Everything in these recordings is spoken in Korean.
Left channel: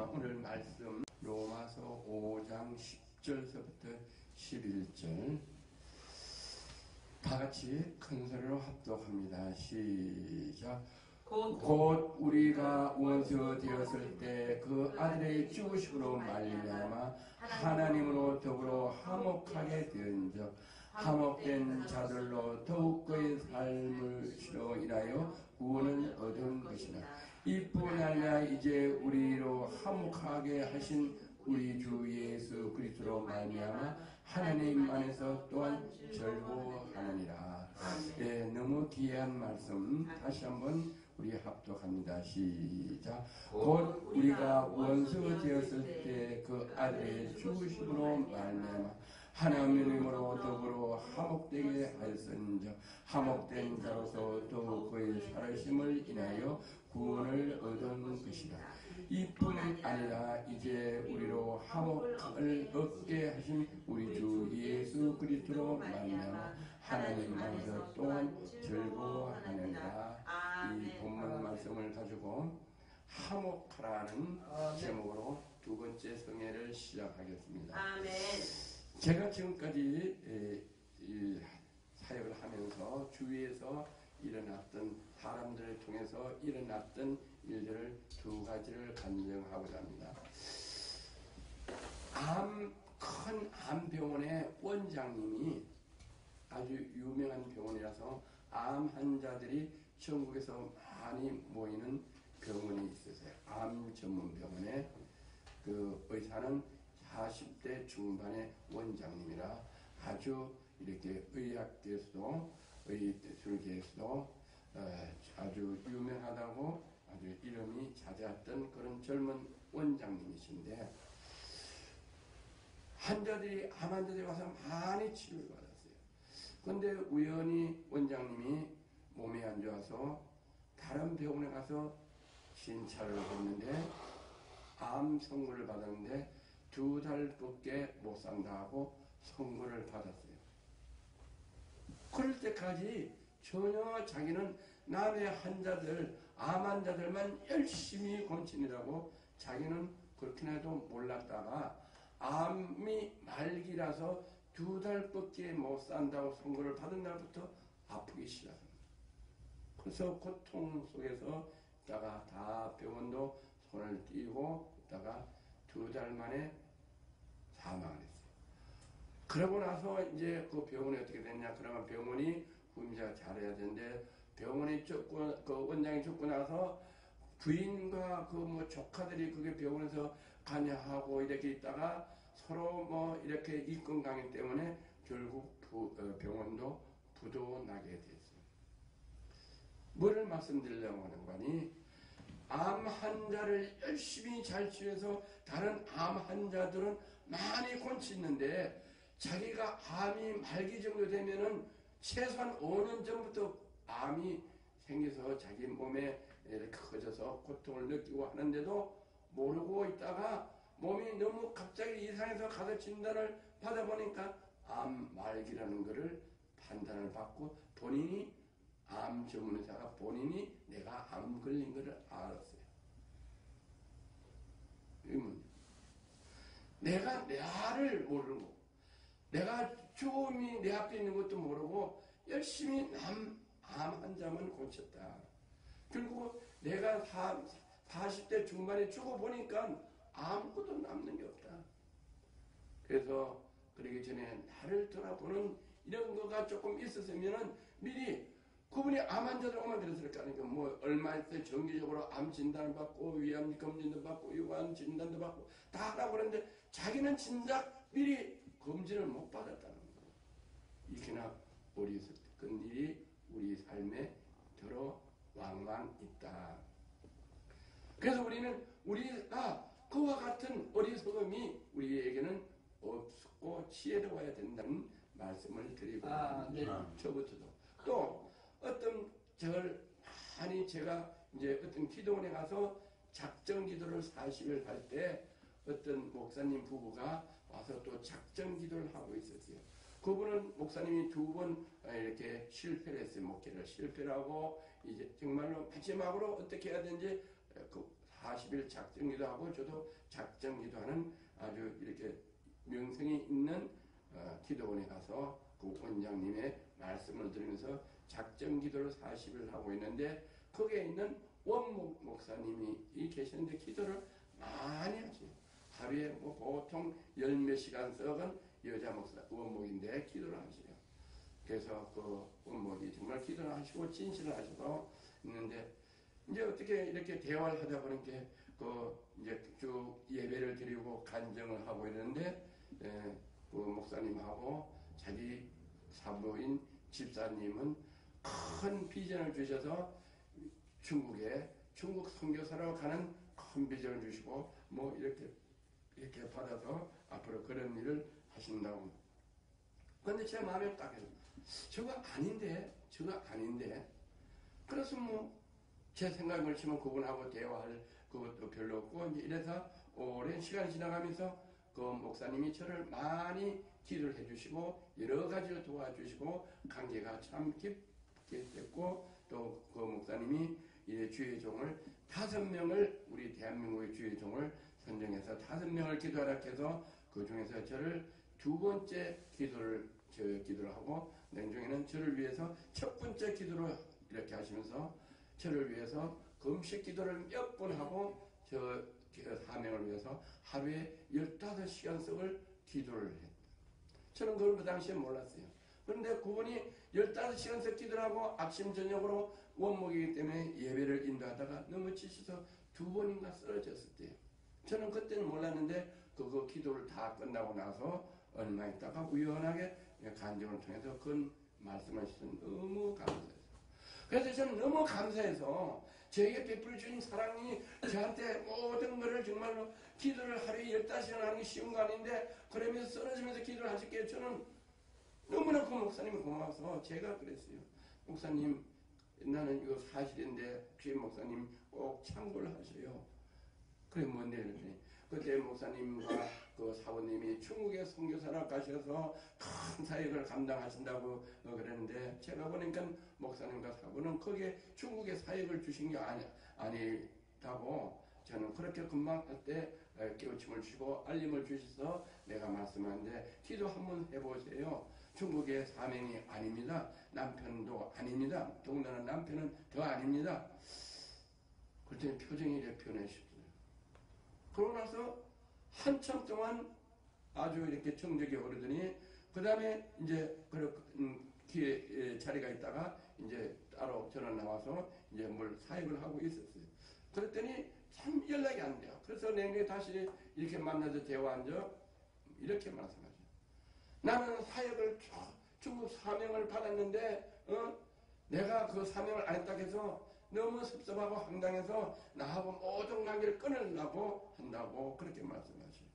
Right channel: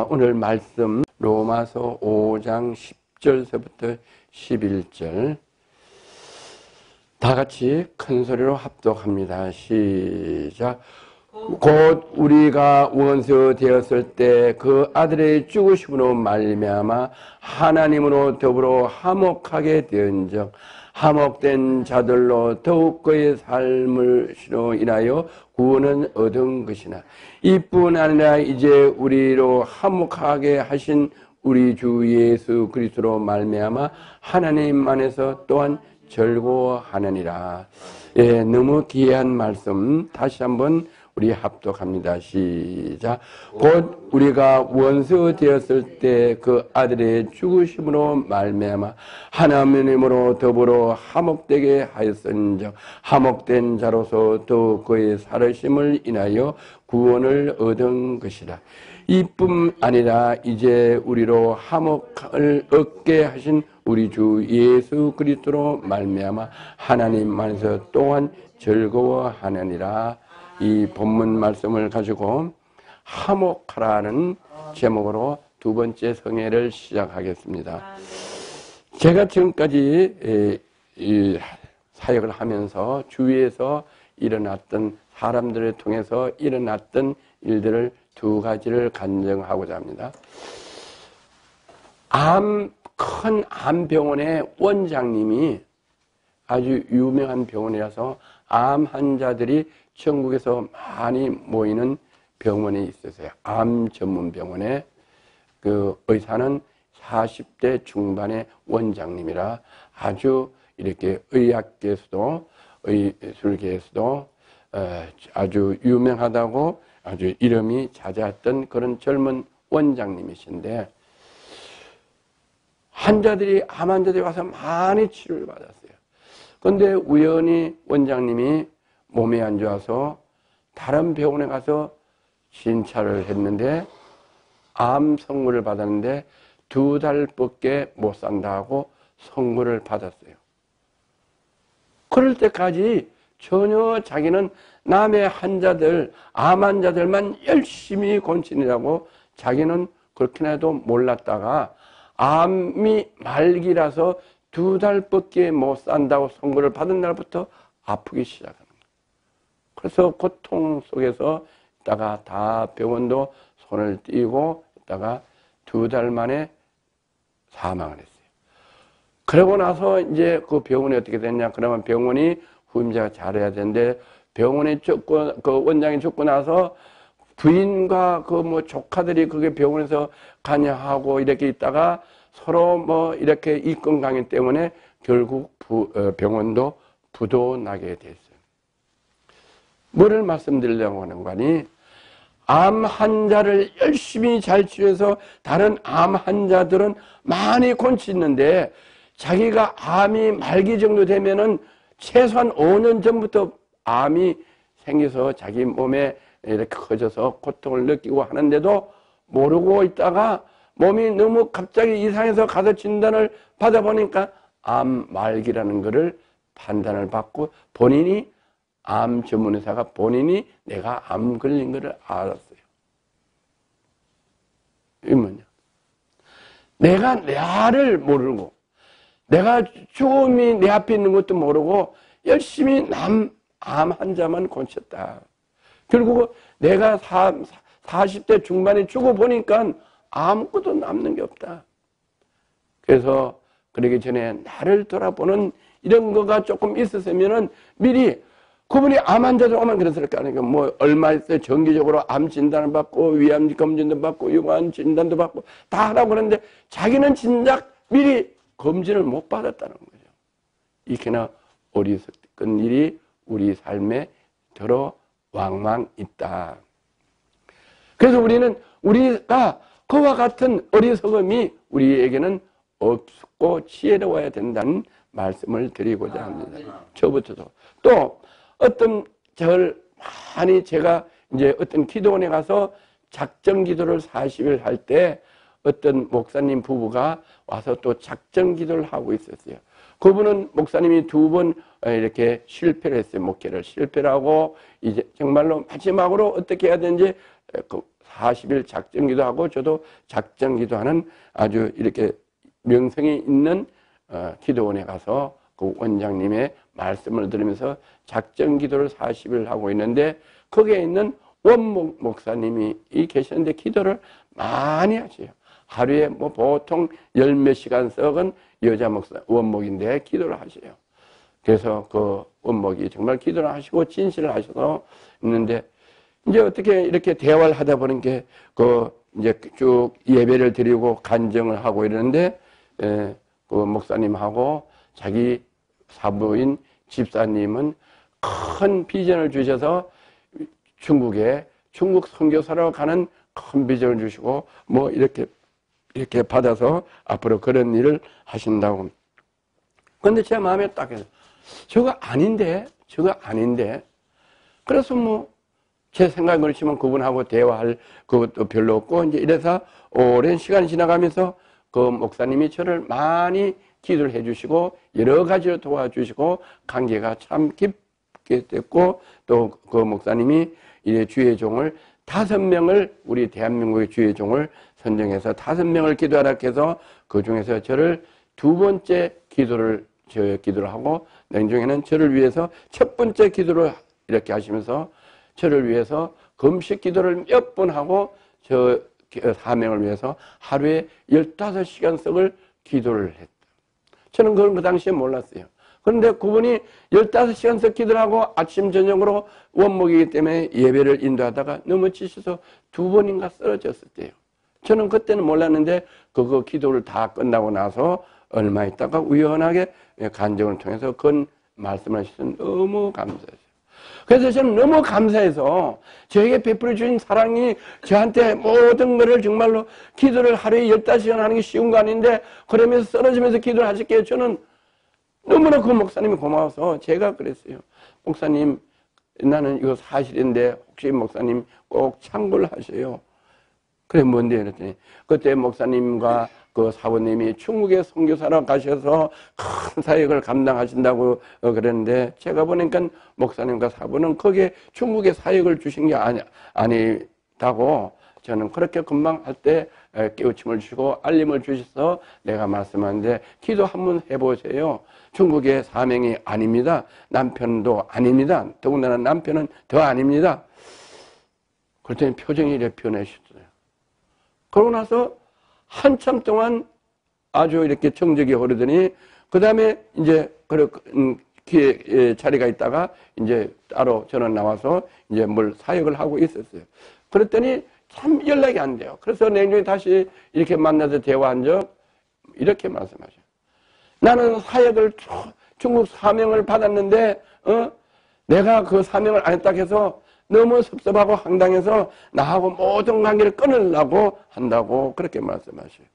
오늘 말씀 로마서 5장 10절서부터 11절 다 같이 큰 소리로 합독합니다. 시작. 곧 우리가 원수 되었을 때 그 아들의 죽으심으로 말미암아 하나님으로 더불어 화목하게 되은즉 화목된 자들로 더욱 그의 삶으로 인하여 구원은 얻은 것이나 이뿐 아니라 이제 우리로 화목하게 하신 우리 주 예수 그리스도로 말미암아 하나님 안에서 또한 즐거워하느니라. 예, 너무 귀한 말씀 다시 한번 우리 합독합니다. 시작. 곧 우리가 원수 되었을 때 그 아들의 죽으심으로 말미암아 하나님으로 더불어 화목되게 하였은즉 화목된 자로서 또 그의 살으심을 인하여 구원을 얻은 것이다. 이뿐 아니라 이제 우리로 화목을 얻게 하신 우리 주 예수 그리스도로 말미암아 하나님 안에서 또한 즐거워하느니라. 이 본문 말씀을 가지고 화목하라는 제목으로 두 번째 성회를 시작하겠습니다. 제가 지금까지 이 사역을 하면서 주위에서 일어났던 사람들을 통해서 일어났던 일들을 두 가지를 간증하고자 합니다. 큰 암병원의 원장님이 아주 유명한 병원이라서 암 환자들이 전국에서 많이 모이는 병원이 있었어요. 암 전문 병원에 그 의사는 40대 중반의 원장님이라 아주 이렇게 의학계에서도 의술계에서도 아주 유명하다고 아주 이름이 자자했던 그런 젊은 원장님이신데 암 환자들이 와서 많이 치료를 받았어요. 그런데 우연히 원장님이 몸이 안 좋아서 다른 병원에 가서 진찰을 했는데 암 선고를 받았는데 2달밖에 못 산다고 선고를 받았어요. 그럴 때까지 전혀 자기는 남의 환자들, 암 환자들만 열심히 곤치느라고 자기는 그렇게나 해도 몰랐다가 암이 말기라서 2달밖에 못 산다고 선고를 받은 날부터 아프기 시작합니다. 그래서 고통 속에서 있다가 다 병원도 손을 띄고 있다가 2달 만에 사망을 했어요. 그러고 나서 이제 그 병원이 어떻게 됐냐? 그러면 병원이 후임자가 잘해야 되는데 병원에 그 원장이 죽고 나서 부인과 그 뭐 조카들이 그게 병원에서 관여하고 이렇게 있다가 서로 뭐 이렇게 이권 강요 때문에 결국 병원도 부도 나게 됐어요. 뭐를 말씀드리려고 하는 거니? 암 환자를 열심히 잘 치료해서 다른 암 환자들은 많이 곤치는데 자기가 암이 말기 정도 되면은 최소한 5년 전부터 암이 생겨서 자기 몸에 이렇게 커져서 고통을 느끼고 하는데도 모르고 있다가 몸이 너무 갑자기 이상해서 가서 진단을 받아보니까 암 말기라는 것을 판단을 받고 본인이 암 전문의사가 본인이 내가 암 걸린 것을 알았어요. 이게 뭐냐? 내가 나를 모르고 내가 죽음이 내 앞에 있는 것도 모르고 열심히 암 환자만 곤쳤다. 결국 내가 40대 중반에 죽어보니까 아무것도 남는 게 없다. 그래서 그러기 전에 나를 돌아보는 이런 거가 조금 있었으면은 미리 그분이 암 환자들 오면 그랬을 거 아니에요. 뭐 얼마 있어요. 정기적으로 암 진단을 받고 위암 검진도 받고 유관 진단도 받고 다 하라고 그러는데 자기는 진작 미리 검진을 못 받았다는 거죠. 이렇게나 어리석은 일이 우리 삶에 들어 왕왕 있다. 그래서 우리가 그와 같은 어리석음이 우리에게는 없고 지혜로워야 된다는 말씀을 드리고자 합니다. 저부터도. 또 어떤 많이 제가 이제 어떤 기도원에 가서 작정 기도를 40일 할 때 어떤 목사님 부부가 와서 또 작정 기도를 하고 있었어요. 그분은 목사님이 2번 이렇게 실패를 했어요. 목회를 실패를 하고 이제 정말로 마지막으로 어떻게 해야 되는지 40일 작정기도 하고 저도 작정기도하는 아주 이렇게 명성이 있는 기도원에 가서 그 원장님의 말씀을 들으면서 작정기도를 40일 하고 있는데 거기에 있는 원목 목사님이 계시는데 기도를 많이 하세요. 하루에 뭐 보통 10몇 시간 썩은 여자 목사 원목인데 기도를 하세요. 그래서 그 원목이 정말 기도를 하시고 진실을 하셔서 있는데 이제 어떻게 이렇게 대화를 하다 보니까 그 이제 쭉 예배를 드리고 간증을 하고 이러는데 그 목사님하고 자기 사부인 집사님은 큰 비전을 주셔서 중국 선교사로 가는 큰 비전을 주시고 뭐 이렇게 받아서 앞으로 그런 일을 하신다고. 근데 제 마음에 딱 해서 저거 아닌데. 그래서 뭐 제 생각에 그렇지만 그분하고 대화할 그것도 별로 없고 이제 이래서 오랜 시간이 지나가면서 그 목사님이 저를 많이 기도를 해주시고 여러 가지로 도와주시고 관계가 참 깊게 됐고 또 그 목사님이 이제 주의 종을 5명을 우리 대한민국의 주의 종을 선정해서 5명을 기도하라 해서 그 중에서 저를 2번째 기도를 하고 나중에는 저를 위해서 첫 번째 기도를 이렇게 하시면서 저를 위해서 금식 기도를 몇 번 하고 저 사명을 위해서 하루에 15시간씩을 기도를 했다. 저는 그걸 그 당시에 몰랐어요. 그런데 그분이 15시간씩 기도를 하고 아침 저녁으로 원목이기 때문에 예배를 인도하다가 넘어지셔서 2번인가 쓰러졌을 때요. 저는 그때는 몰랐는데 그거 기도를 다 끝나고 나서 얼마 있다가 우연하게 간증을 통해서 그런 말씀을 하셔서 너무 감사했어요. 그래서 저는 너무 감사해서 저에게 베풀어 주신 사랑이 저한테 모든 것을 정말로 기도를 하루에 15시간 하는 게 쉬운 거 아닌데 그러면서 쓰러지면서 기도를 하실게요. 저는 너무나 그 목사님이 고마워서 제가 그랬어요. 목사님 나는 이거 사실인데 혹시 목사님 꼭 참고를 하세요. 그래 뭔데 그랬더니 그때 목사님과 그 사부님이 중국에 선교사로 가셔서 큰 사역을 감당하신다고 그랬는데 제가 보니까 목사님과 사부는 거기에 중국에 사역을 주신 게 아니다고 저는 그렇게 금방 할 때 깨우침을 주시고 알림을 주셔서 내가 말씀하는데 기도 한번 해보세요. 중국의 사명이 아닙니다. 남편도 아닙니다. 더군다나 남편은 더 아닙니다. 그랬더니 표정이 이렇게 변하셨어요. 그러고 나서 한참 동안 아주 이렇게 정적이 흐르더니 그 다음에 이제 자리가 있다가 이제 따로 저는 나와서 이제 뭘 사역을 하고 있었어요. 그랬더니 참 연락이 안 돼요. 그래서 내년에 다시 이렇게 만나서 대화한 적 이렇게 말씀하셔요. 나는 사역을 중국 사명을 받았는데 내가 그 사명을 안 했다고 해서 너무 섭섭하고 황당해서 나하고 모든 관계를 끊으려고 한다고 그렇게 말씀하셔요.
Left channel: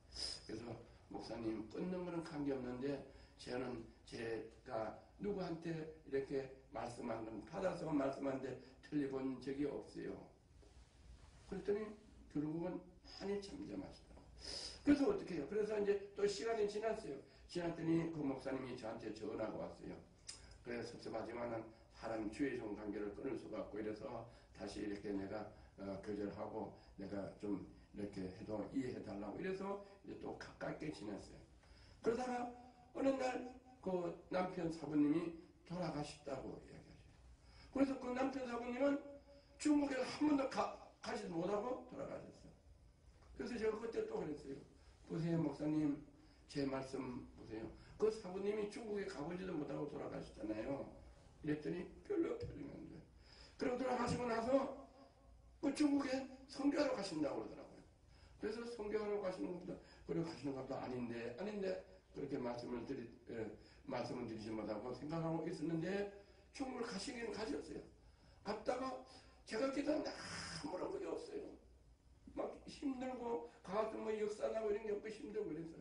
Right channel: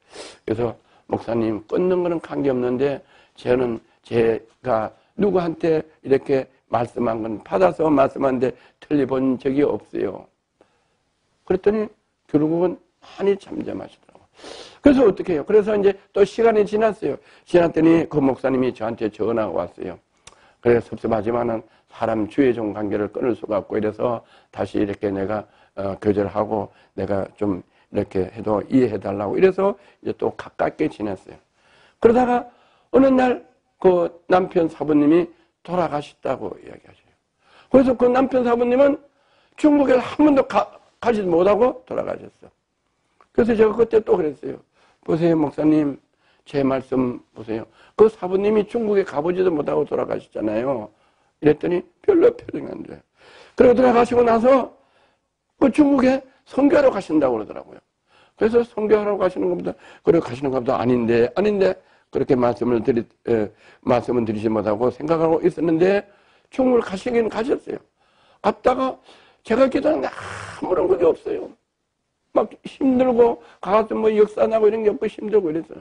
그래서 목사님 끊는 거는 관계없는데 저는 제가 누구한테 이렇게 말씀한 건 받아서 말씀하는데 틀려본 적이 없어요. 그랬더니 결국은 많이 잠잠하시더라고요. 그래서 어떻게 해요? 그래서 이제 또 시간이 지났어요. 지났더니 그 목사님이 저한테 전화가 왔어요. 그래서 섭섭하지만은 사람 주의 종 관계를 끊을 수가 없고 이래서 다시 이렇게 내가 교절하고 내가 좀 이렇게 해도 이해해달라고 이래서 이제 또 가깝게 지냈어요. 그러다가 어느 날 그 남편 사부님이 돌아가셨다고 이야기하셔요. 그래서 그 남편 사부님은 중국에 한 번도 가지도 못하고 돌아가셨어. 그래서 제가 그때 또 그랬어요. 보세요, 목사님, 제 말씀 보세요. 그 사부님이 중국에 가보지도 못하고 돌아가셨잖아요. 이랬더니 별로 표정이 안 돼요. 그러고 돌아가시고 나서 그 중국에 선교하러 가신다고 그러더라고요. 그래서 선교하러 가시는 것보다, 그래 가시는 것보다 아닌데, 그렇게 말씀을 드리지 못하고 생각하고 있었는데, 중국을 가시긴 가셨어요. 갔다가 제가 기도하는데 아무런 것이 없어요. 막 힘들고, 가서 뭐 역사나고 이런 게 없고 힘들고 이랬어요.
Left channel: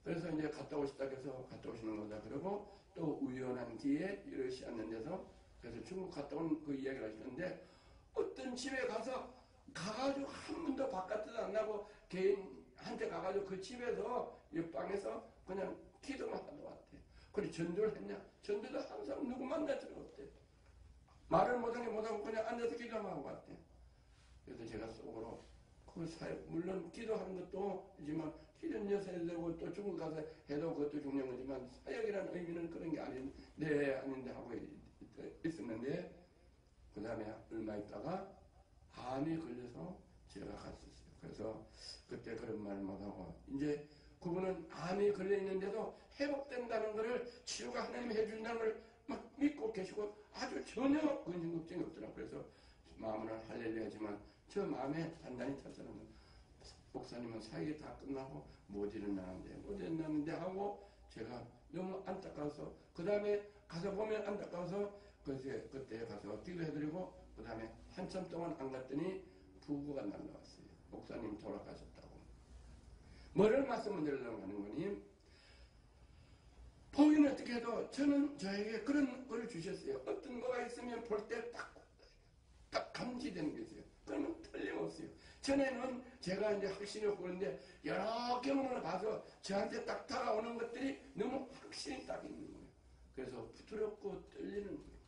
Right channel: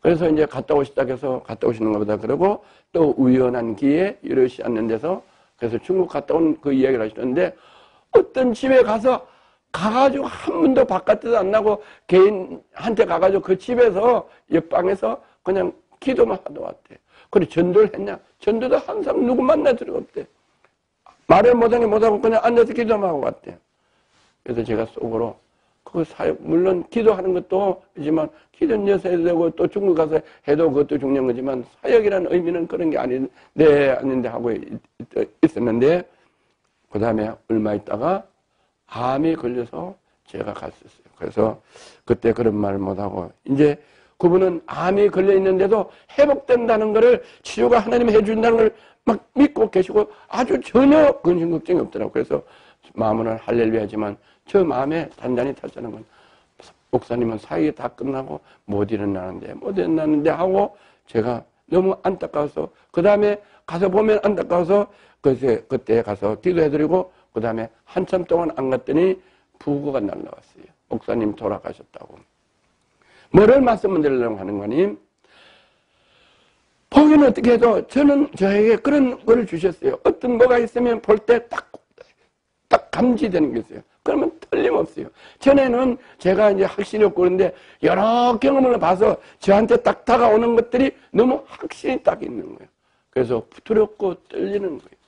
그래서 이제 갔다 오시는 것보다 그러고 또 우연한 기회에 이러시 않는 데서 그래서 중국 갔다 온 그 이야기를 하시는데 어떤 집에 가가지고 한 번도 바깥에도 안 나고 개인한테 가가지고 그 집에서 옆방에서 그냥 기도만 하다 왔대. 그래 전도를 했냐? 전도도 항상 누구 만날 필요가 없대. 말을 못하고 그냥 앉아서 기도만 하고 갔대. 그래서 제가 속으로 그 사역, 물론 기도하는 것도 있지만, 기도는 여기서 해도 되고, 또 중국 가서 해도 그것도 중요한 거지만, 사역이라는 의미는 그런 게 아닌데 하고 있었는데, 그 다음에 얼마 있다가 암이 걸려서 제가 갔었어요. 그래서 그때 그런 말을 못하고, 이제 그분은 암이 걸려 있는데도 회복된다는 것을 치료가 하나님이 해준다는 걸 막 믿고 계시고 아주 전혀 근심 걱정이 없더라고요. 그래서 마음은 할렐루야 하지만 저 마음에 단단히 탔다는 건 목사님은 사역이 다 끝나고 못 일어나는데 하고 제가 너무 안타까워서 그 다음에 가서 보면 안타까워서 그때 가서 기도해드리고 그 다음에 한참 동안 안 갔더니 부고가 날라왔어요. 목사님 돌아가셨다고. 뭐를 말씀을 드리려고 하는 거니? 보기는 어떻게 해도 저에게 그런 걸 주셨어요. 어떤 뭐가 있으면 볼 때 딱 감지되는 게 있어요. 그러면 틀림없어요. 전에는 제가 이제 확신이 없고 그런데 여러 경험을 봐서 저한테 딱 다가오는 것들이 너무 확신이 딱 있는 거예요. 그래서 두렵고 떨리는 거예요.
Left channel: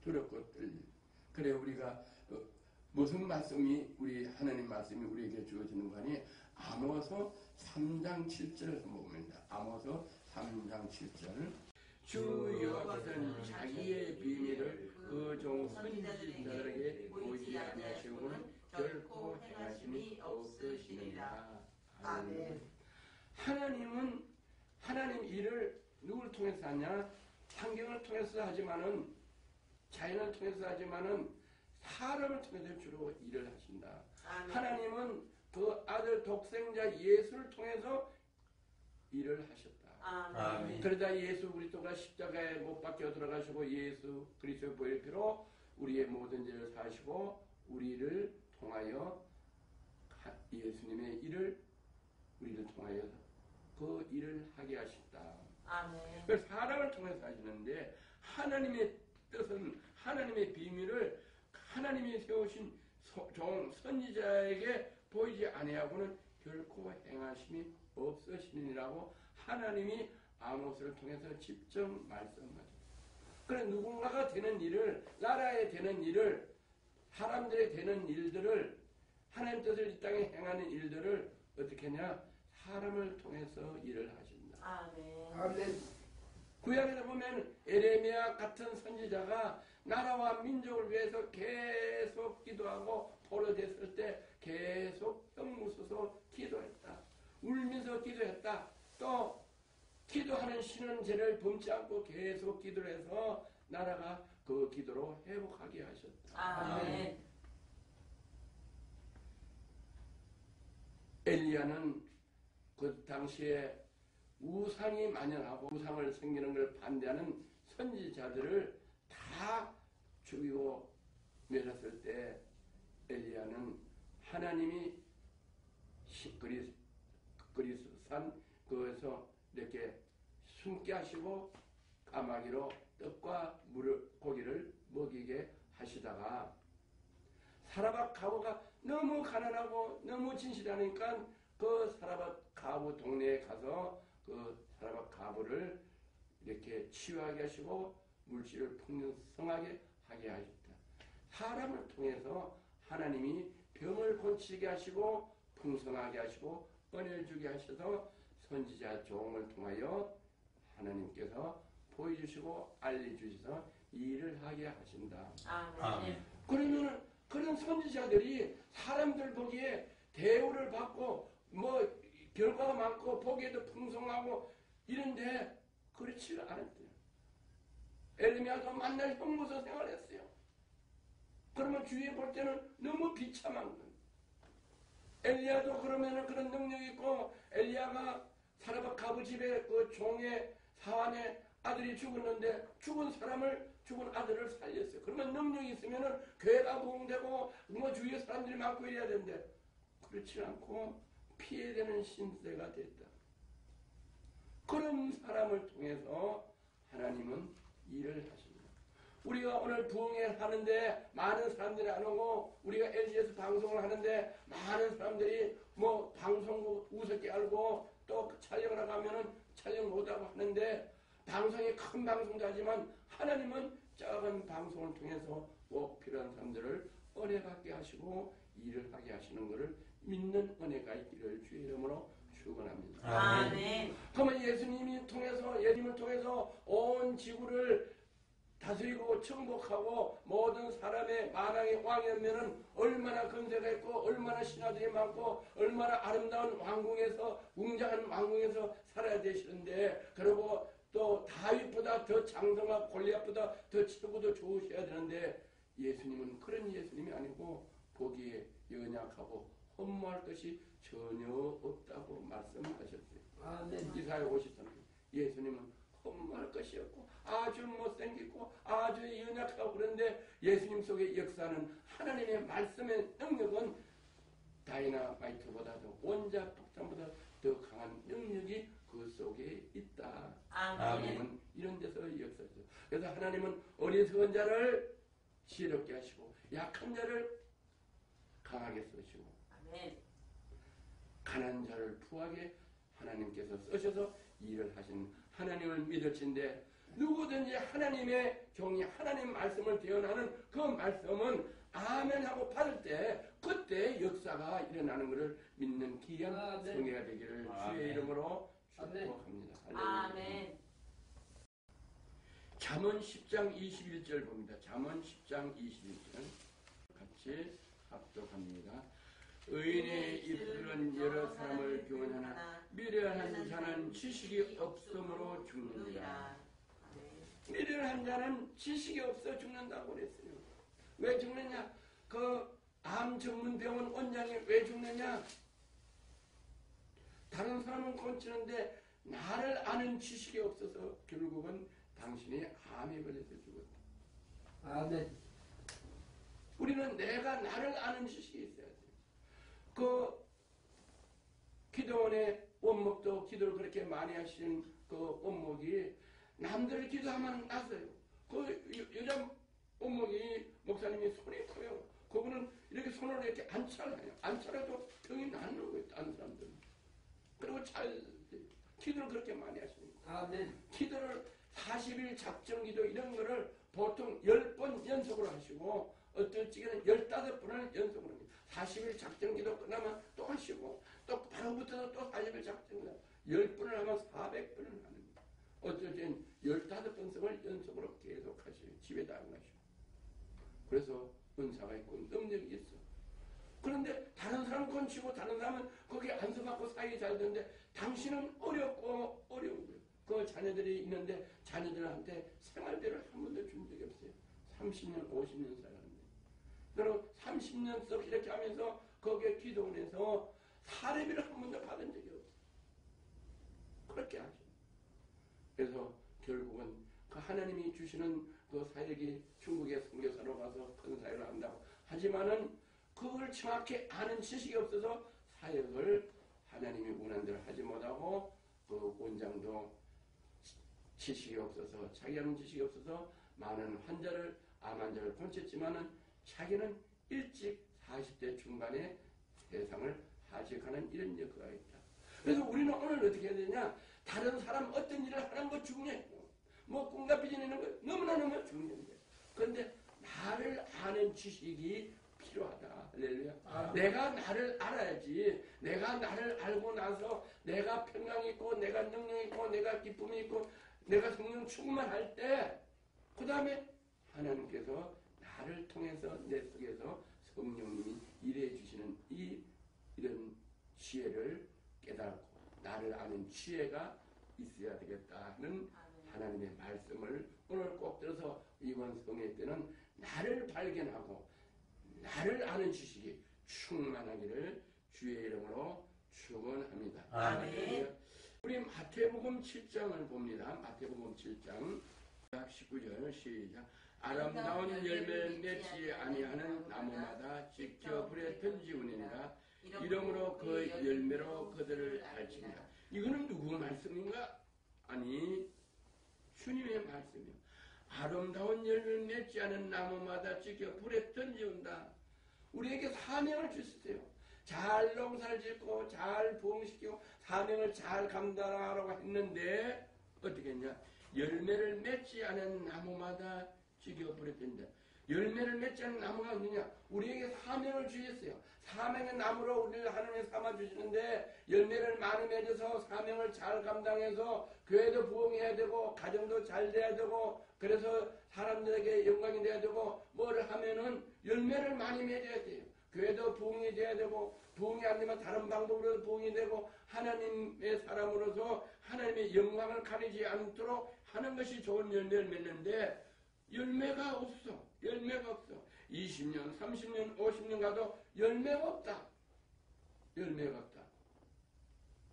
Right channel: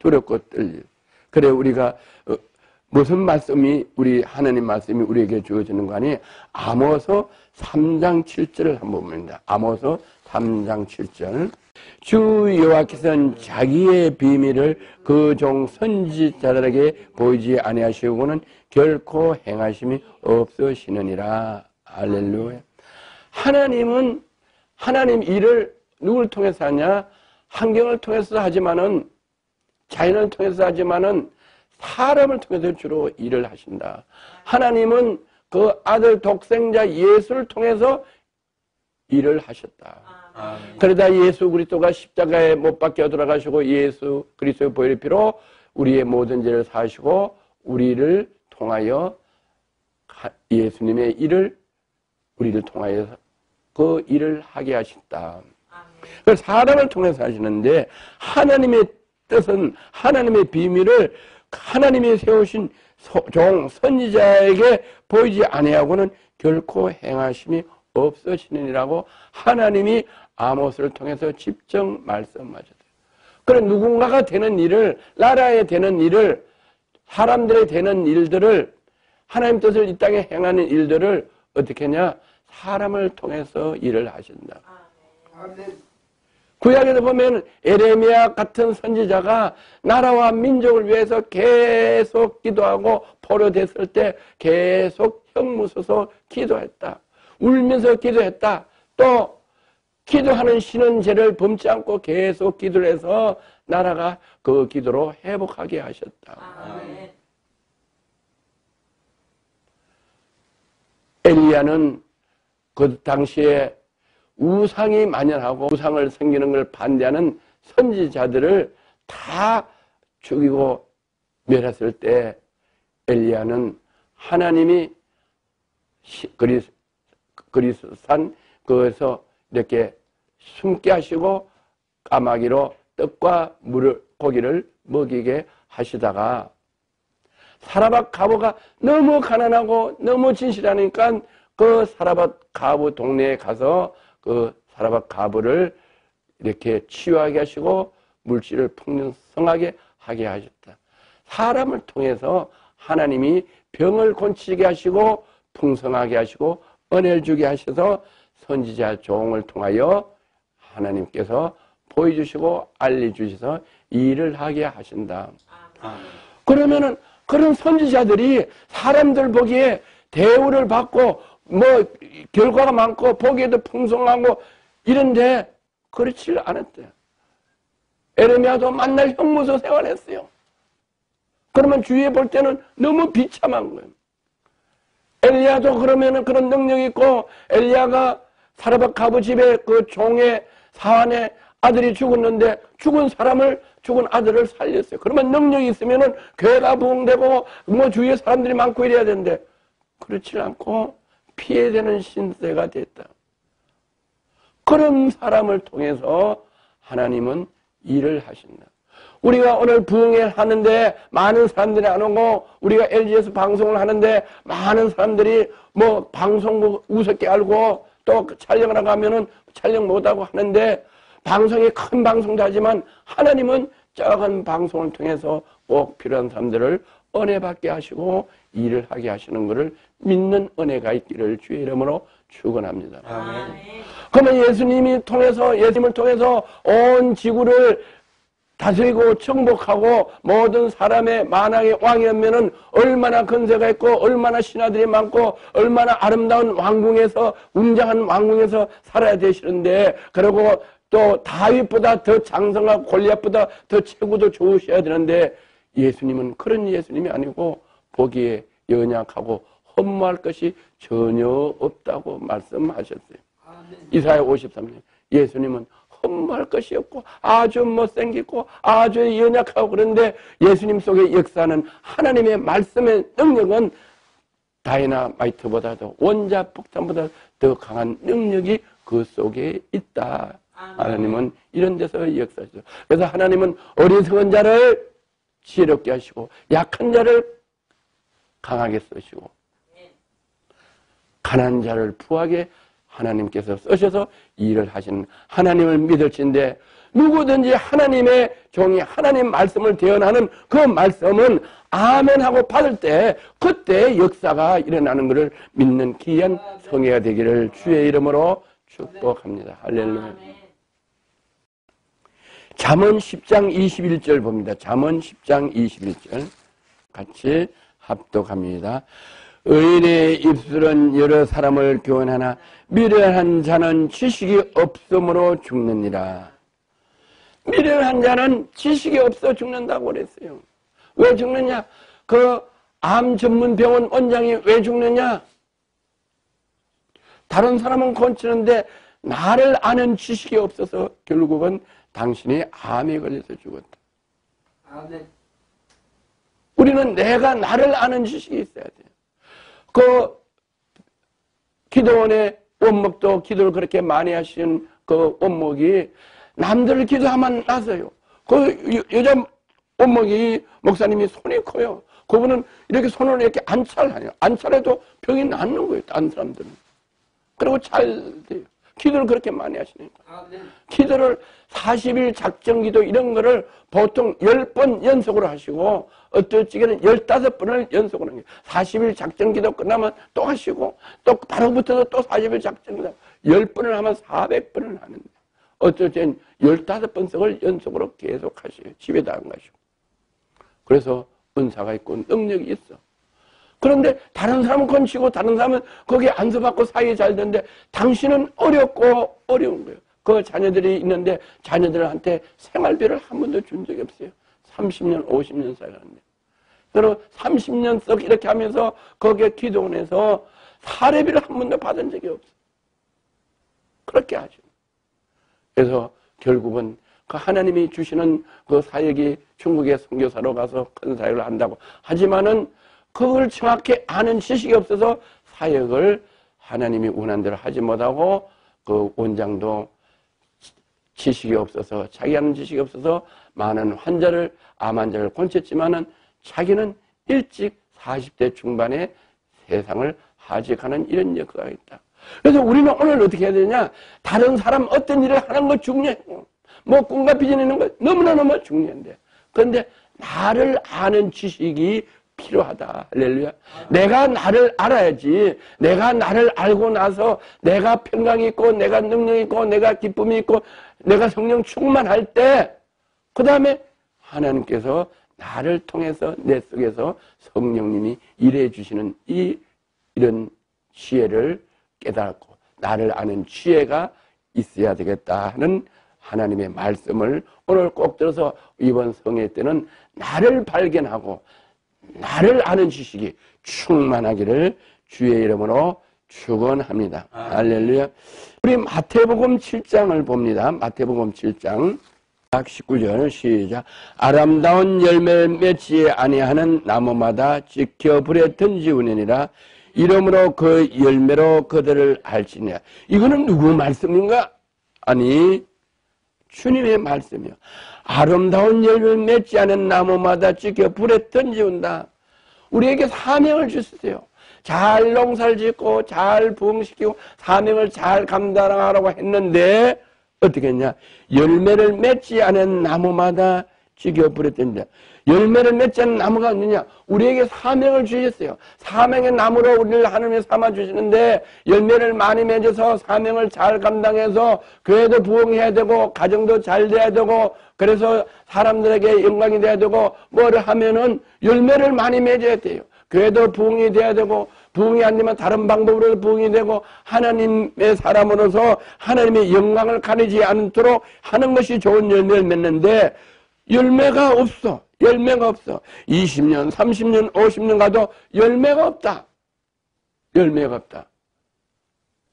두렵고 떨리는. 그래 우리가 무슨 말씀이 하나님 말씀이 우리에게 주어지는 거 아니? 아모스 3장 7절을 한번 봅니다. 아모스 3장 7절. 주 여호와께서는 자기의 비밀을 그 종 선지자들에게 보이지 아니하시고는 결코 행하심이 없으시느니라. 할렐루야. 하나님은 하나님 일을 누굴 통해서 하냐? 환경을 통해서 하지만은 자연을 통해서 하지만은 사람을 통해서 주로 일을 하신다. 하나님은 그 아들 독생자 예수를 통해서 일을 하셨다. 그러다 예수 그리스도가 십자가에 못 박혀 돌아가시고 예수 그리스도의 보혈의 피로 우리의 모든 죄를 사하시고 우리를 통하여 예수님의 일을 우리를 통하여 그 일을 하게 하셨다. 그래서 사람을 통해서 하시는데 하나님의 뜻은 하나님의 비밀을 하나님이 세우신 종 선지자에게 보이지 아니하고는 결코 행하심이 없으시느니라고 하나님이 아모스를 통해서 직접 말씀하셨어요. 그런 누군가가 되는 일을, 나라에 되는 일을, 사람들의 되는 일들을, 하나님 뜻을 이 땅에 행하는 일들을 어떻게 하냐? 사람을 통해서 일을 하신다. 구약에도 보면 에레미야 같은 선지자가 나라와 민족을 위해서 계속 기도하고 포로됐을 때 계속 형무서서 기도했다. 울면서 기도했다. 또 기도하는 신은 죄를 범치 않고 계속 기도를 해서 나라가 그 기도로 회복하게 하셨다. 아멘. 엘리야는 그 당시에 우상이 만연하고 우상을 섬기는 걸 반대하는 선지자들을 다 죽이고 멸했을 때 엘리야는 하나님이 그리스산 그에서 이렇게 숨게 하시고 까마귀로 떡과 고기를 먹이게 하시다가 사라밧 가부가 너무 가난하고 너무 진실하니까 그 사라밧 가부 동네에 가서 그 사라밧 가부를 이렇게 치유하게 하시고 물질을 풍성하게 하게 하셨다. 사람을 통해서 하나님이 병을 고치게 하시고 풍성하게 하시고 은혜를 주게 하셔서 선지자 종을 통하여 하나님께서 보여주시고 알려주셔서 일을 하게 하신다. 그러면은 그런 선지자들이 사람들 보기에 대우를 받고 뭐 결과가 많고 보기에도 풍성하고 이런데 그렇지 않았대요. 에레미야도 만날 형무소 생활했어요. 그러면 주위에 볼 때는 너무 비참한 거예요. 엘리야도 그러면은 그런 능력이 있고 엘리야가 사라밧 가부 집에 그 종의 사환의 아들이 죽었는데 죽은 아들을 살렸어요. 그러면 능력이 있으면은 교회가 부흥되고 뭐 주위에 사람들이 많고 이래야 되는데 그렇지 않고 피해되는 신세가 됐다. 그런 사람을 통해서 하나님은 일을 하신다. 우리가 오늘 부흥회 하는데 많은 사람들이 안 오고 우리가 LG에서 방송을 하는데 많은 사람들이 뭐 방송국 우습게 알고 또 촬영을 하고 하면은 촬영 못하고 하는데 방송이 큰 방송도 하지만 하나님은 작은 방송을 통해서 꼭 필요한 사람들을 은혜 받게 하시고 일을 하게 하시는 것을 믿는 은혜가 있기를 주의 이름으로 축원합니다. 아멘. 그러면 예수님을 통해서 온 지구를 다스리고 정복하고 모든 사람의 만왕의 왕이라면은 얼마나 근세가 있고 얼마나 신하들이 많고 얼마나 아름다운 왕궁에서 웅장한 왕궁에서 살아야 되시는데, 그리고 또 다윗보다 더 장성하고 골리앗보다 더 체구도 좋으셔야 되는데, 예수님은 그런 예수님이 아니고 보기에 연약하고 허무할 것이 전혀 없다고 말씀하셨어요. 이사야 53년. 예수님은 허무할 것이 없고 아주 못생기고 아주 연약하고, 그런데 예수님 속에 역사는 하나님의 말씀의 능력은 다이나마이트보다도 원자폭탄보다 더 강한 능력이 그 속에 있다. 하나님은 이런 데서 역사하시죠. 그래서 하나님은 어리석은 자를 지혜롭게 하시고 약한 자를 강하게 쓰시고 가난한 자를 부하게 하나님께서 쓰셔서 일을 하시는 하나님을 믿을진데, 누구든지 하나님의 종이 하나님 말씀을 대언하는 그 말씀은 아멘하고 받을 때 그때 역사가 일어나는 것을 믿는 귀한 성회가 되기를 주의 이름으로 축복합니다. 할렐루야. 잠언 10장 21절 봅니다. 잠언 10장 21절 같이 합독합니다. 의인의 입술은 여러 사람을 교훈하나 미련한 자는 지식이 없음으로 죽느니라. 미련한 자는 지식이 없어 죽는다고 그랬어요. 왜 죽느냐? 그 암 전문 병원 원장이 왜 죽느냐? 다른 사람은 고치는데 나를 아는 지식이 없어서 결국은 당신이 암에 걸려서 죽었다. 우리는 내가 나를 아는 지식이 있어야 돼요. 그 기도원의 원목도 기도를 그렇게 많이 하신 그 원목이 남들을 기도하면 나서요. 그 여자 원목이 목사님이 손이 커요. 그분은 이렇게 손을 이렇게 안찰해요. 안찰해도 병이 낫는 거예요. 다른 사람들은. 그리고 잘 돼요. 기도를 그렇게 많이 하시니까. 기도를 40일 작정기도 이런 거를 보통 10번 연속으로 하시고 어떨 적에는 15번을 연속으로 하는 거예요. 40일 작정기도 끝나면 또 하시고 또 바로 붙어서 또 40일 작정기도 10번을 하면 400번을 하는데 어떨 때는 15번씩을 연속으로 계속 하셔요. 집에다 안 가시고. 그래서 은사가 있고 능력이 있어. 그런데 다른 사람은 건치고 다른 사람은 거기에 안수받고 사이 잘 되는데 당신은 어렵고 어려운 거예요. 그 자녀들이 있는데 자녀들한테 생활비를 한 번도 준 적이 없어요. 30년, 50년 살았는데. 그리고 30년 썩 이렇게 하면서 거기에 기도원에서 사례비를 한 번도 받은 적이 없어요. 그렇게 하죠. 그래서 결국은 그 하나님이 주시는 그 사역이 중국의 선교사로 가서 큰 사역을 한다고 하지만은 그걸 정확히 아는 지식이 없어서 사역을 하나님이 원한 대로 하지 못하고 그 원장도 지식이 없어서 자기 아는 지식이 없어서 많은 환자를 암 환자를 고쳤지만은 자기는 일찍 40대 중반에 세상을 하직하는 이런 역사가 있다. 그래서 우리는 오늘 어떻게 해야 되냐? 다른 사람 어떤 일을 하는 거 중요해요. 뭐 꿈과 비전 있는 거 너무나 중요한데, 그런데 나를 아는 지식이 필요하다. 할렐루야. 내가 나를 알아야지. 내가 나를 알고 나서 내가 평강이 있고 내가 능력이 있고 내가 기쁨이 있고 내가 성령 충만할 때 그 다음에 하나님께서 나를 통해서 내 속에서 성령님이 일해 주시는 이런 지혜를 깨닫고 나를 아는 지혜가 있어야 되겠다 하는 하나님의 말씀을 오늘 꼭 들어서 이번 성회 때는 나를 발견하고 나를 아는 지식이 충만하기를 주의 이름으로 축원합니다. 할렐루야. 우리 마태복음 7장을 봅니다. 마태복음 7장 19절 시작. 아름다운 열매를 맺지 아니하는 나무마다 지켜 불에 던지우느니라. 이러므로 그 열매로 그들을 알지니라. 이거는 누구 말씀인가? 아니, 주님의 말씀이요. 아름다운 열매를 맺지 않은 나무마다 지켜 불에 던지운다. 우리에게 사명을 주셨어요. 잘 농사를 짓고 잘 부흥시키고 사명을 잘 감당하라고 했는데 어떻게 했냐? 열매를 맺지 않은 나무마다 찌겨 불에 던진다. 열매를 맺지 않는 나무가 없느냐? 우리에게 사명을 주셨어요. 사명의 나무로 우리를 하나님이 삼아주시는데 열매를 많이 맺어서 사명을 잘 감당해서 교회도 부흥해야 되고 가정도 잘 돼야 되고 그래서 사람들에게 영광이 돼야 되고 뭐를 하면은 열매를 많이 맺어야 돼요. 교회도 부흥이 돼야 되고 부흥이 안 되면 다른 방법으로 부흥이 되고 하나님의 사람으로서 하나님의 영광을 가리지 않도록 하는 것이 좋은 열매를 맺는데 열매가 없어. 열매가 없어. 20년, 30년, 50년 가도 열매가 없다. 열매가 없다.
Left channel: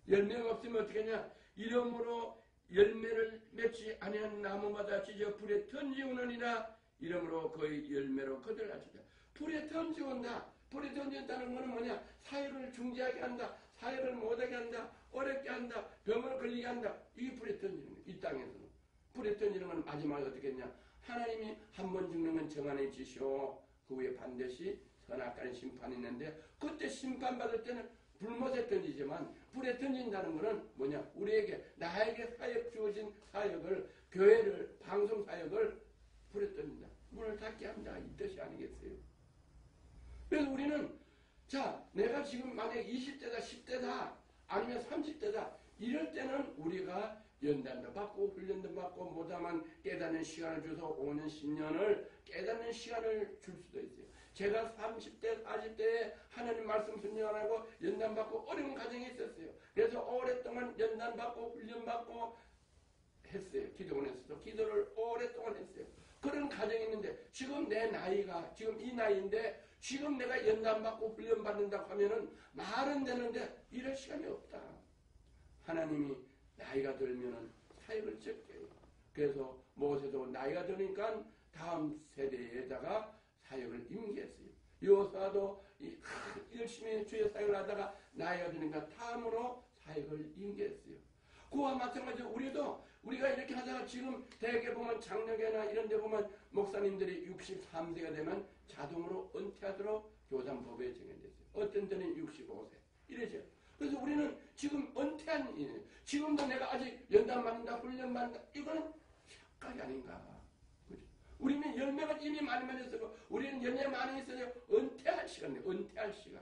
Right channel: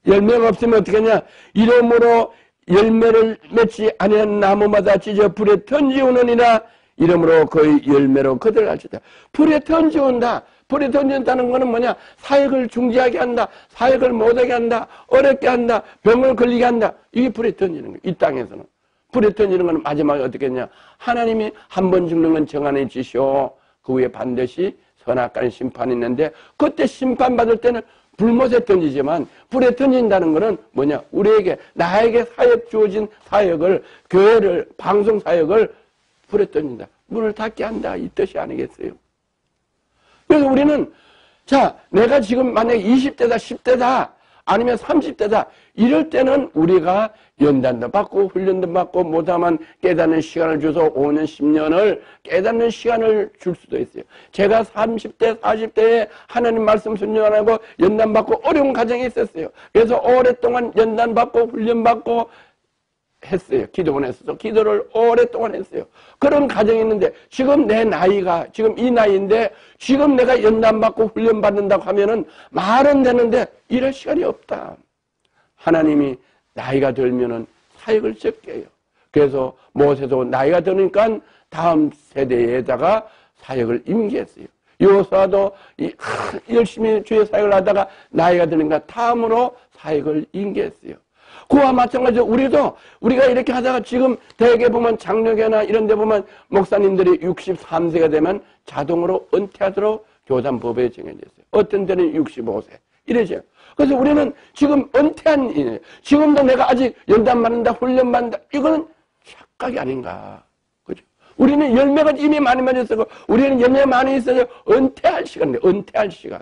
열매가 없으면 어떻게 하냐? 이러므로 열매를 맺지 아니한 나무마다 찢어 불에 던지우느니라. 이러므로 그 열매로 그들 알지다. 불에 던지운다. 불에 던진다는 것은 뭐냐? 사역을 중지하게 한다. 사역을 못하게 한다. 어렵게 한다. 병을 걸리게 한다. 이게 불에 던지는 거예요. 이 땅에서는. 불에 던지는 것은 마지막에 어떻게 했냐? 하나님이 한 번 죽는 건 정한해 주시오. 그 후에 반드시 선악과의 심판이 있는데 그때 심판받을 때는 불못에 던지지만 불에 던진다는 것은 뭐냐? 우리에게 나에게 사역 주어진 사역을 교회를 방송 사역을 불에 던진다. 문을 닫게 한다. 이 뜻이 아니겠어요? 그래서 우리는 자 내가 지금 만약에 20대다 10대다 아니면 30대다 이럴 때는 우리가 연단도 받고 훈련도 받고 못하면 깨닫는 시간을 줘서 5년 10년을 깨닫는 시간을 줄 수도 있어요. 제가 30대 40대에 하나님 말씀 순종하고 연단 받고 어려운 가정이 있었어요. 그래서 오랫동안 연단 받고 훈련 받고 했어요. 기도원에서도 기도를 오랫동안 했어요. 그런 가정이 있는데 지금 내 나이가 지금 이 나이인데 지금 내가 연단받고 훈련받는다고 하면은 말은 되는데 이럴 시간이 없다. 하나님이 나이가 들면은 사역을 적게 해요. 그래서 모세도 나이가 드니까 다음 세대에다가 사역을 임기했어요. 요사도 열심히 주의 사역을 하다가 나이가 드니까 다음으로 사역을 임기했어요. 그와 마찬가지로 우리가 이렇게 하다가 지금 대개 보면 장로교나 이런 데 보면 목사님들이 63세가 되면 자동으로 은퇴하도록 교단법에 정해져 있어요. 어떤 데는 65세 이러죠. 그래서 우리는 지금 은퇴한 일이에요. 지금도 내가 아직 연단 받는다 훈련 받는다 이거는 착각이 아닌가. 그죠? 우리는 열매가 이미 많이 맺었고 우리는 열매 많이 있어서 은퇴할 시간이에요. 은퇴할 시간.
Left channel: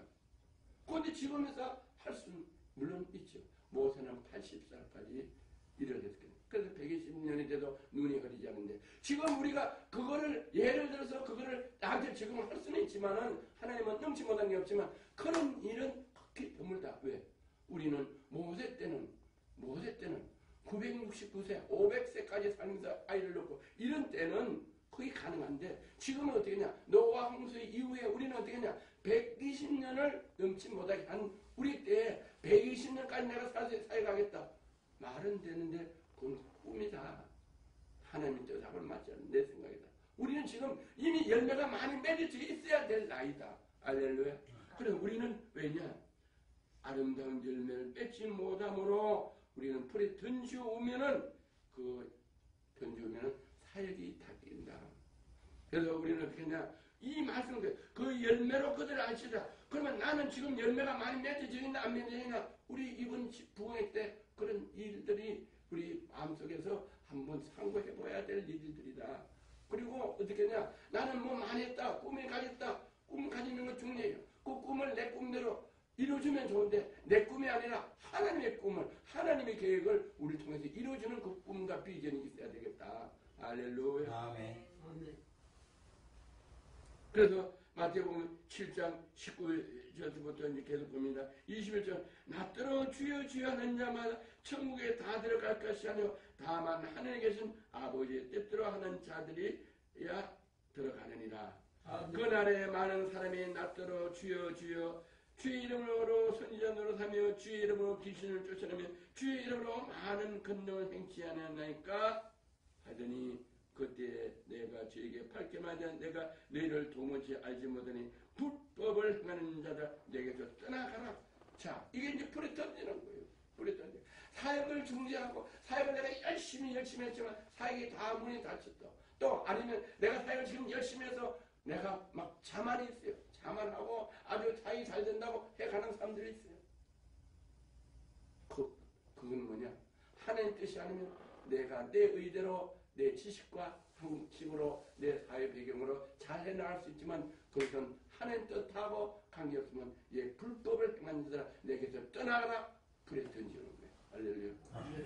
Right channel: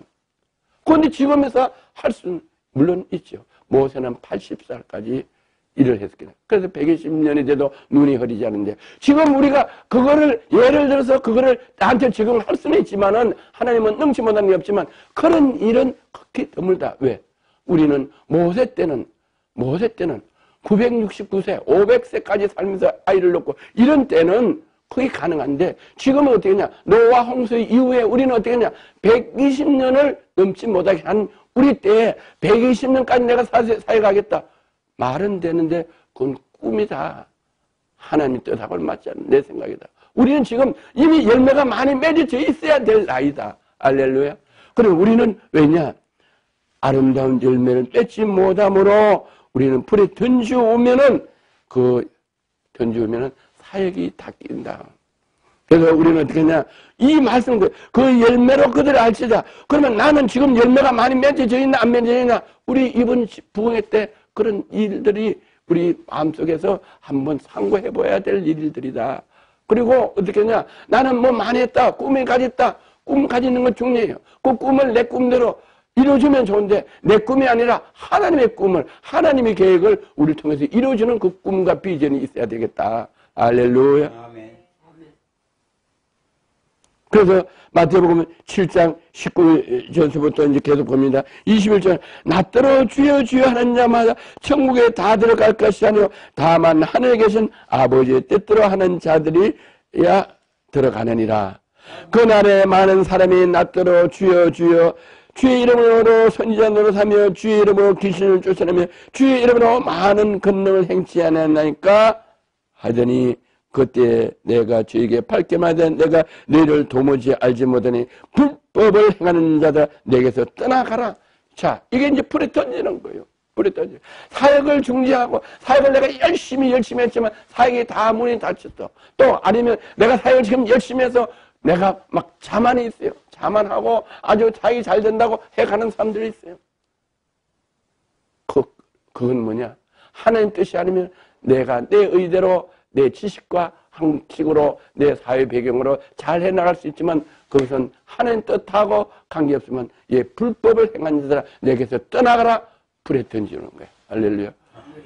그런데 지금에서 할 수는 물론 있죠. 모세는 80살까지 일을 했거든요. 그래서 120년이 돼도 눈이 흐리지 않는데 지금 우리가 그거를 예를 들어서 그거를 나한테 지금 할 수는 있지만은 하나님은 능치 못하는 게 없지만 그런 일은 극히 드물다. 왜? 우리는 모세 때는 969세, 500세까지 살면서 아이를 낳고 이런 때는 그게 가능한데 지금은 어떻게 하냐? 노아 홍수 이후에 우리는 어떻게 하냐? 120년을 넘지 못하게 한 우리 때에 120년까지 내가 사역하겠다. 말은 되는데 그건 꿈이다. 하나님의 뜻하고는 맞지 않는 내 생각이다. 우리는 지금 이미 열매가 많이 맺어져 있어야 될 나이다. 알렐루야. 그리고 우리는 왜냐? 아름다운 열매를 맺지 못함으로 우리는 불에 던지우면은 사역이 닦인다. 그래서 우리는 어떻게 하냐? 이 말씀을 그 열매로 그들을 알지다. 그러면 나는 지금 열매가 많이 맺어져 있나 안 맺어져 있나? 우리 이번 부흥회 때 그런 일들이 우리 마음속에서 한번 상고해 봐야 될 일들이다. 그리고 어떻게 하냐? 나는 뭐 많이 했다. 꿈을 가졌다. 꿈 가지는 건 중요해요. 그 꿈을 내 꿈대로 이루어주면 좋은데 내 꿈이 아니라 하나님의 꿈을 하나님의 계획을 우리를 통해서 이루어주는 그 꿈과 비전이 있어야 되겠다. 알렐루야. 그래서 마태복음 7장 19절부터 이제 계속 봅니다. 21절 나더러 주여 주여 하는 자마다 천국에 다 들어갈 것이 아니요 다만 하늘에 계신 아버지의 뜻대로 하는 자들이야 들어가느니라. 그날에 많은 사람이 나더러 주여 주여 주의 이름으로 선지자 노릇하며 주의 이름으로 귀신을 쫓아내며 주의 이름으로 많은 권능을 행치 않았나이까 하더니 그때 내가 저에게 밝게만 하되 내가 너희를 도무지 알지 못하니 불법을 행하는 자들 내게서 떠나가라. 자, 이게 이제 불에 던지는 거예요. 불에 던져. 사역을 중지하고 사역을 내가 열심히 했지만 사역이 다 문이 닫혔어. 또 아니면 내가 사역을 지금 열심히 해서 내가 막 자만이 있어요. 자만하고 아주 사역이 잘 된다고 해가는 사람들이 있어요. 그건 뭐냐? 하나님 뜻이 아니면 내가 내 의대로 내 지식과 방식으로 내 사회 배경으로 잘 해나갈 수 있지만 그것은 하나님 뜻하고 관계없으면 불법을 행한 자들아 내게서 떠나가라 불에 던지는 거예요. 할렐루야.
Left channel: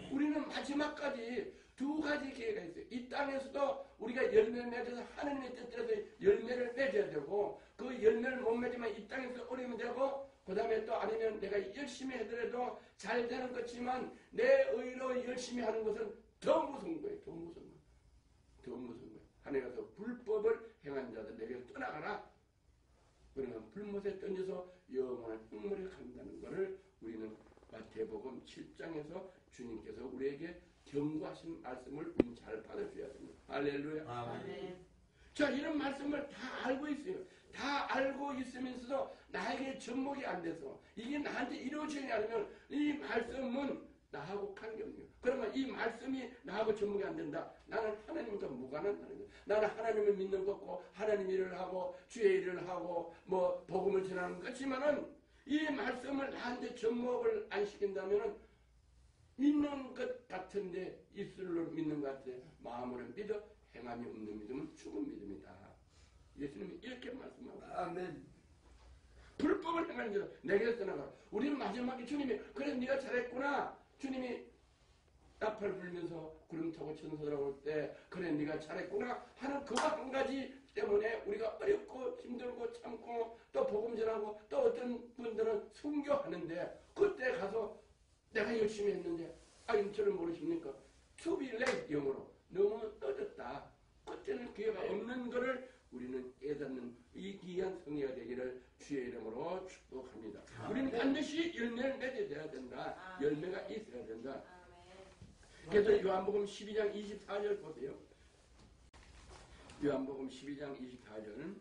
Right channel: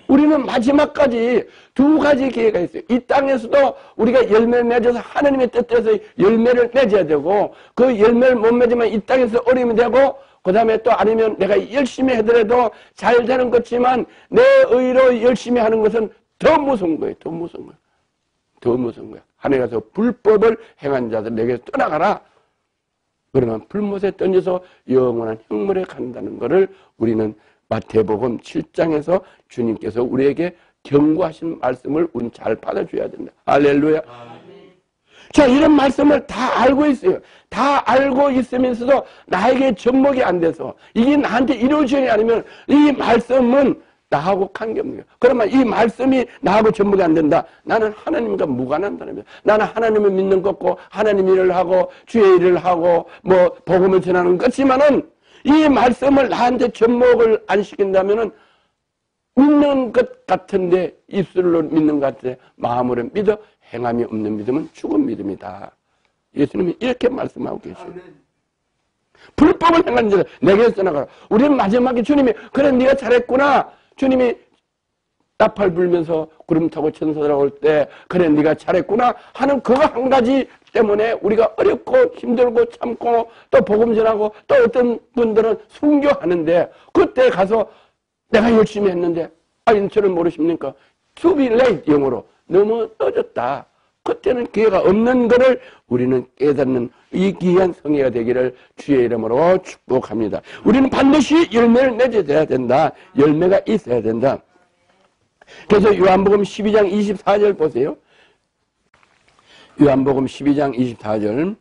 우리는 마지막까지 두 가지 기회가 있어요. 이 땅에서도 우리가 열매를 맺어서 하나님의 뜻대로 열매를 맺어야 되고 그 열매를 못 맺으면 이 땅에서 어려움이 되고 그 다음에 또 아니면 내가 열심히 하더라도 잘 되는 것지만 내 의로 열심히 하는 것은 더 무서운 거예요. 더 무서운 거예요. 더 무서운 거예요. 하늘에서 불법을 행한 자들 내게서 떠나가라. 그러면 불못에 던져서 영원한 형벌에 간다는 것을 우리는 마태복음 7장에서 주님께서 우리에게 경고하신 말씀을 우리는 잘 받아줘야 된다. 할렐루야. 자, 이런 말씀을 다 알고 있어요. 다 알고 있으면서도 나에게 접목이 안 돼서 이게 나한테 이루어지지 않으면 이 말씀은 나하고 관계없는 거예요. 그러면 이 말씀이 나하고 접목이 안 된다. 나는 하나님과 무관한다는 거예요. 나는 하나님을 믿는 것고 하나님 일을 하고 주의 일을 하고 뭐 복음을 전하는 것이지만은 이 말씀을 나한테 접목을 안 시킨다면은 믿는 것 같은데 입술로 믿는 것 같은데 마음으로 믿어 행함이 없는 믿음은 죽은 믿음이다. 예수님이 이렇게 말씀하고 계세요. 불법을 행한 자들 내게서 떠나가라. 우리는 마지막에 주님이 그래 네가 잘했구나. 주님이 나팔 불면서 구름 타고 천사들 올 때 그래 네가 잘했구나 하는 그거 한 가지 때문에 우리가 어렵고 힘들고 참고 또 복음 전하고 또 어떤 분들은 순교하는데 그때 가서 내가 열심히 했는데 저를 모르십니까? To be late 영어로 너무 늦었다. 그때는 기회가 없는 것을 우리는 깨닫는 이 귀한 성회가 되기를 주의 이름으로 축복합니다. 우리는 반드시 열매를 맺어야 된다. 열매가 있어야 된다. 그래서 요한복음 12장 24절 보세요. 요한복음 12장 24절.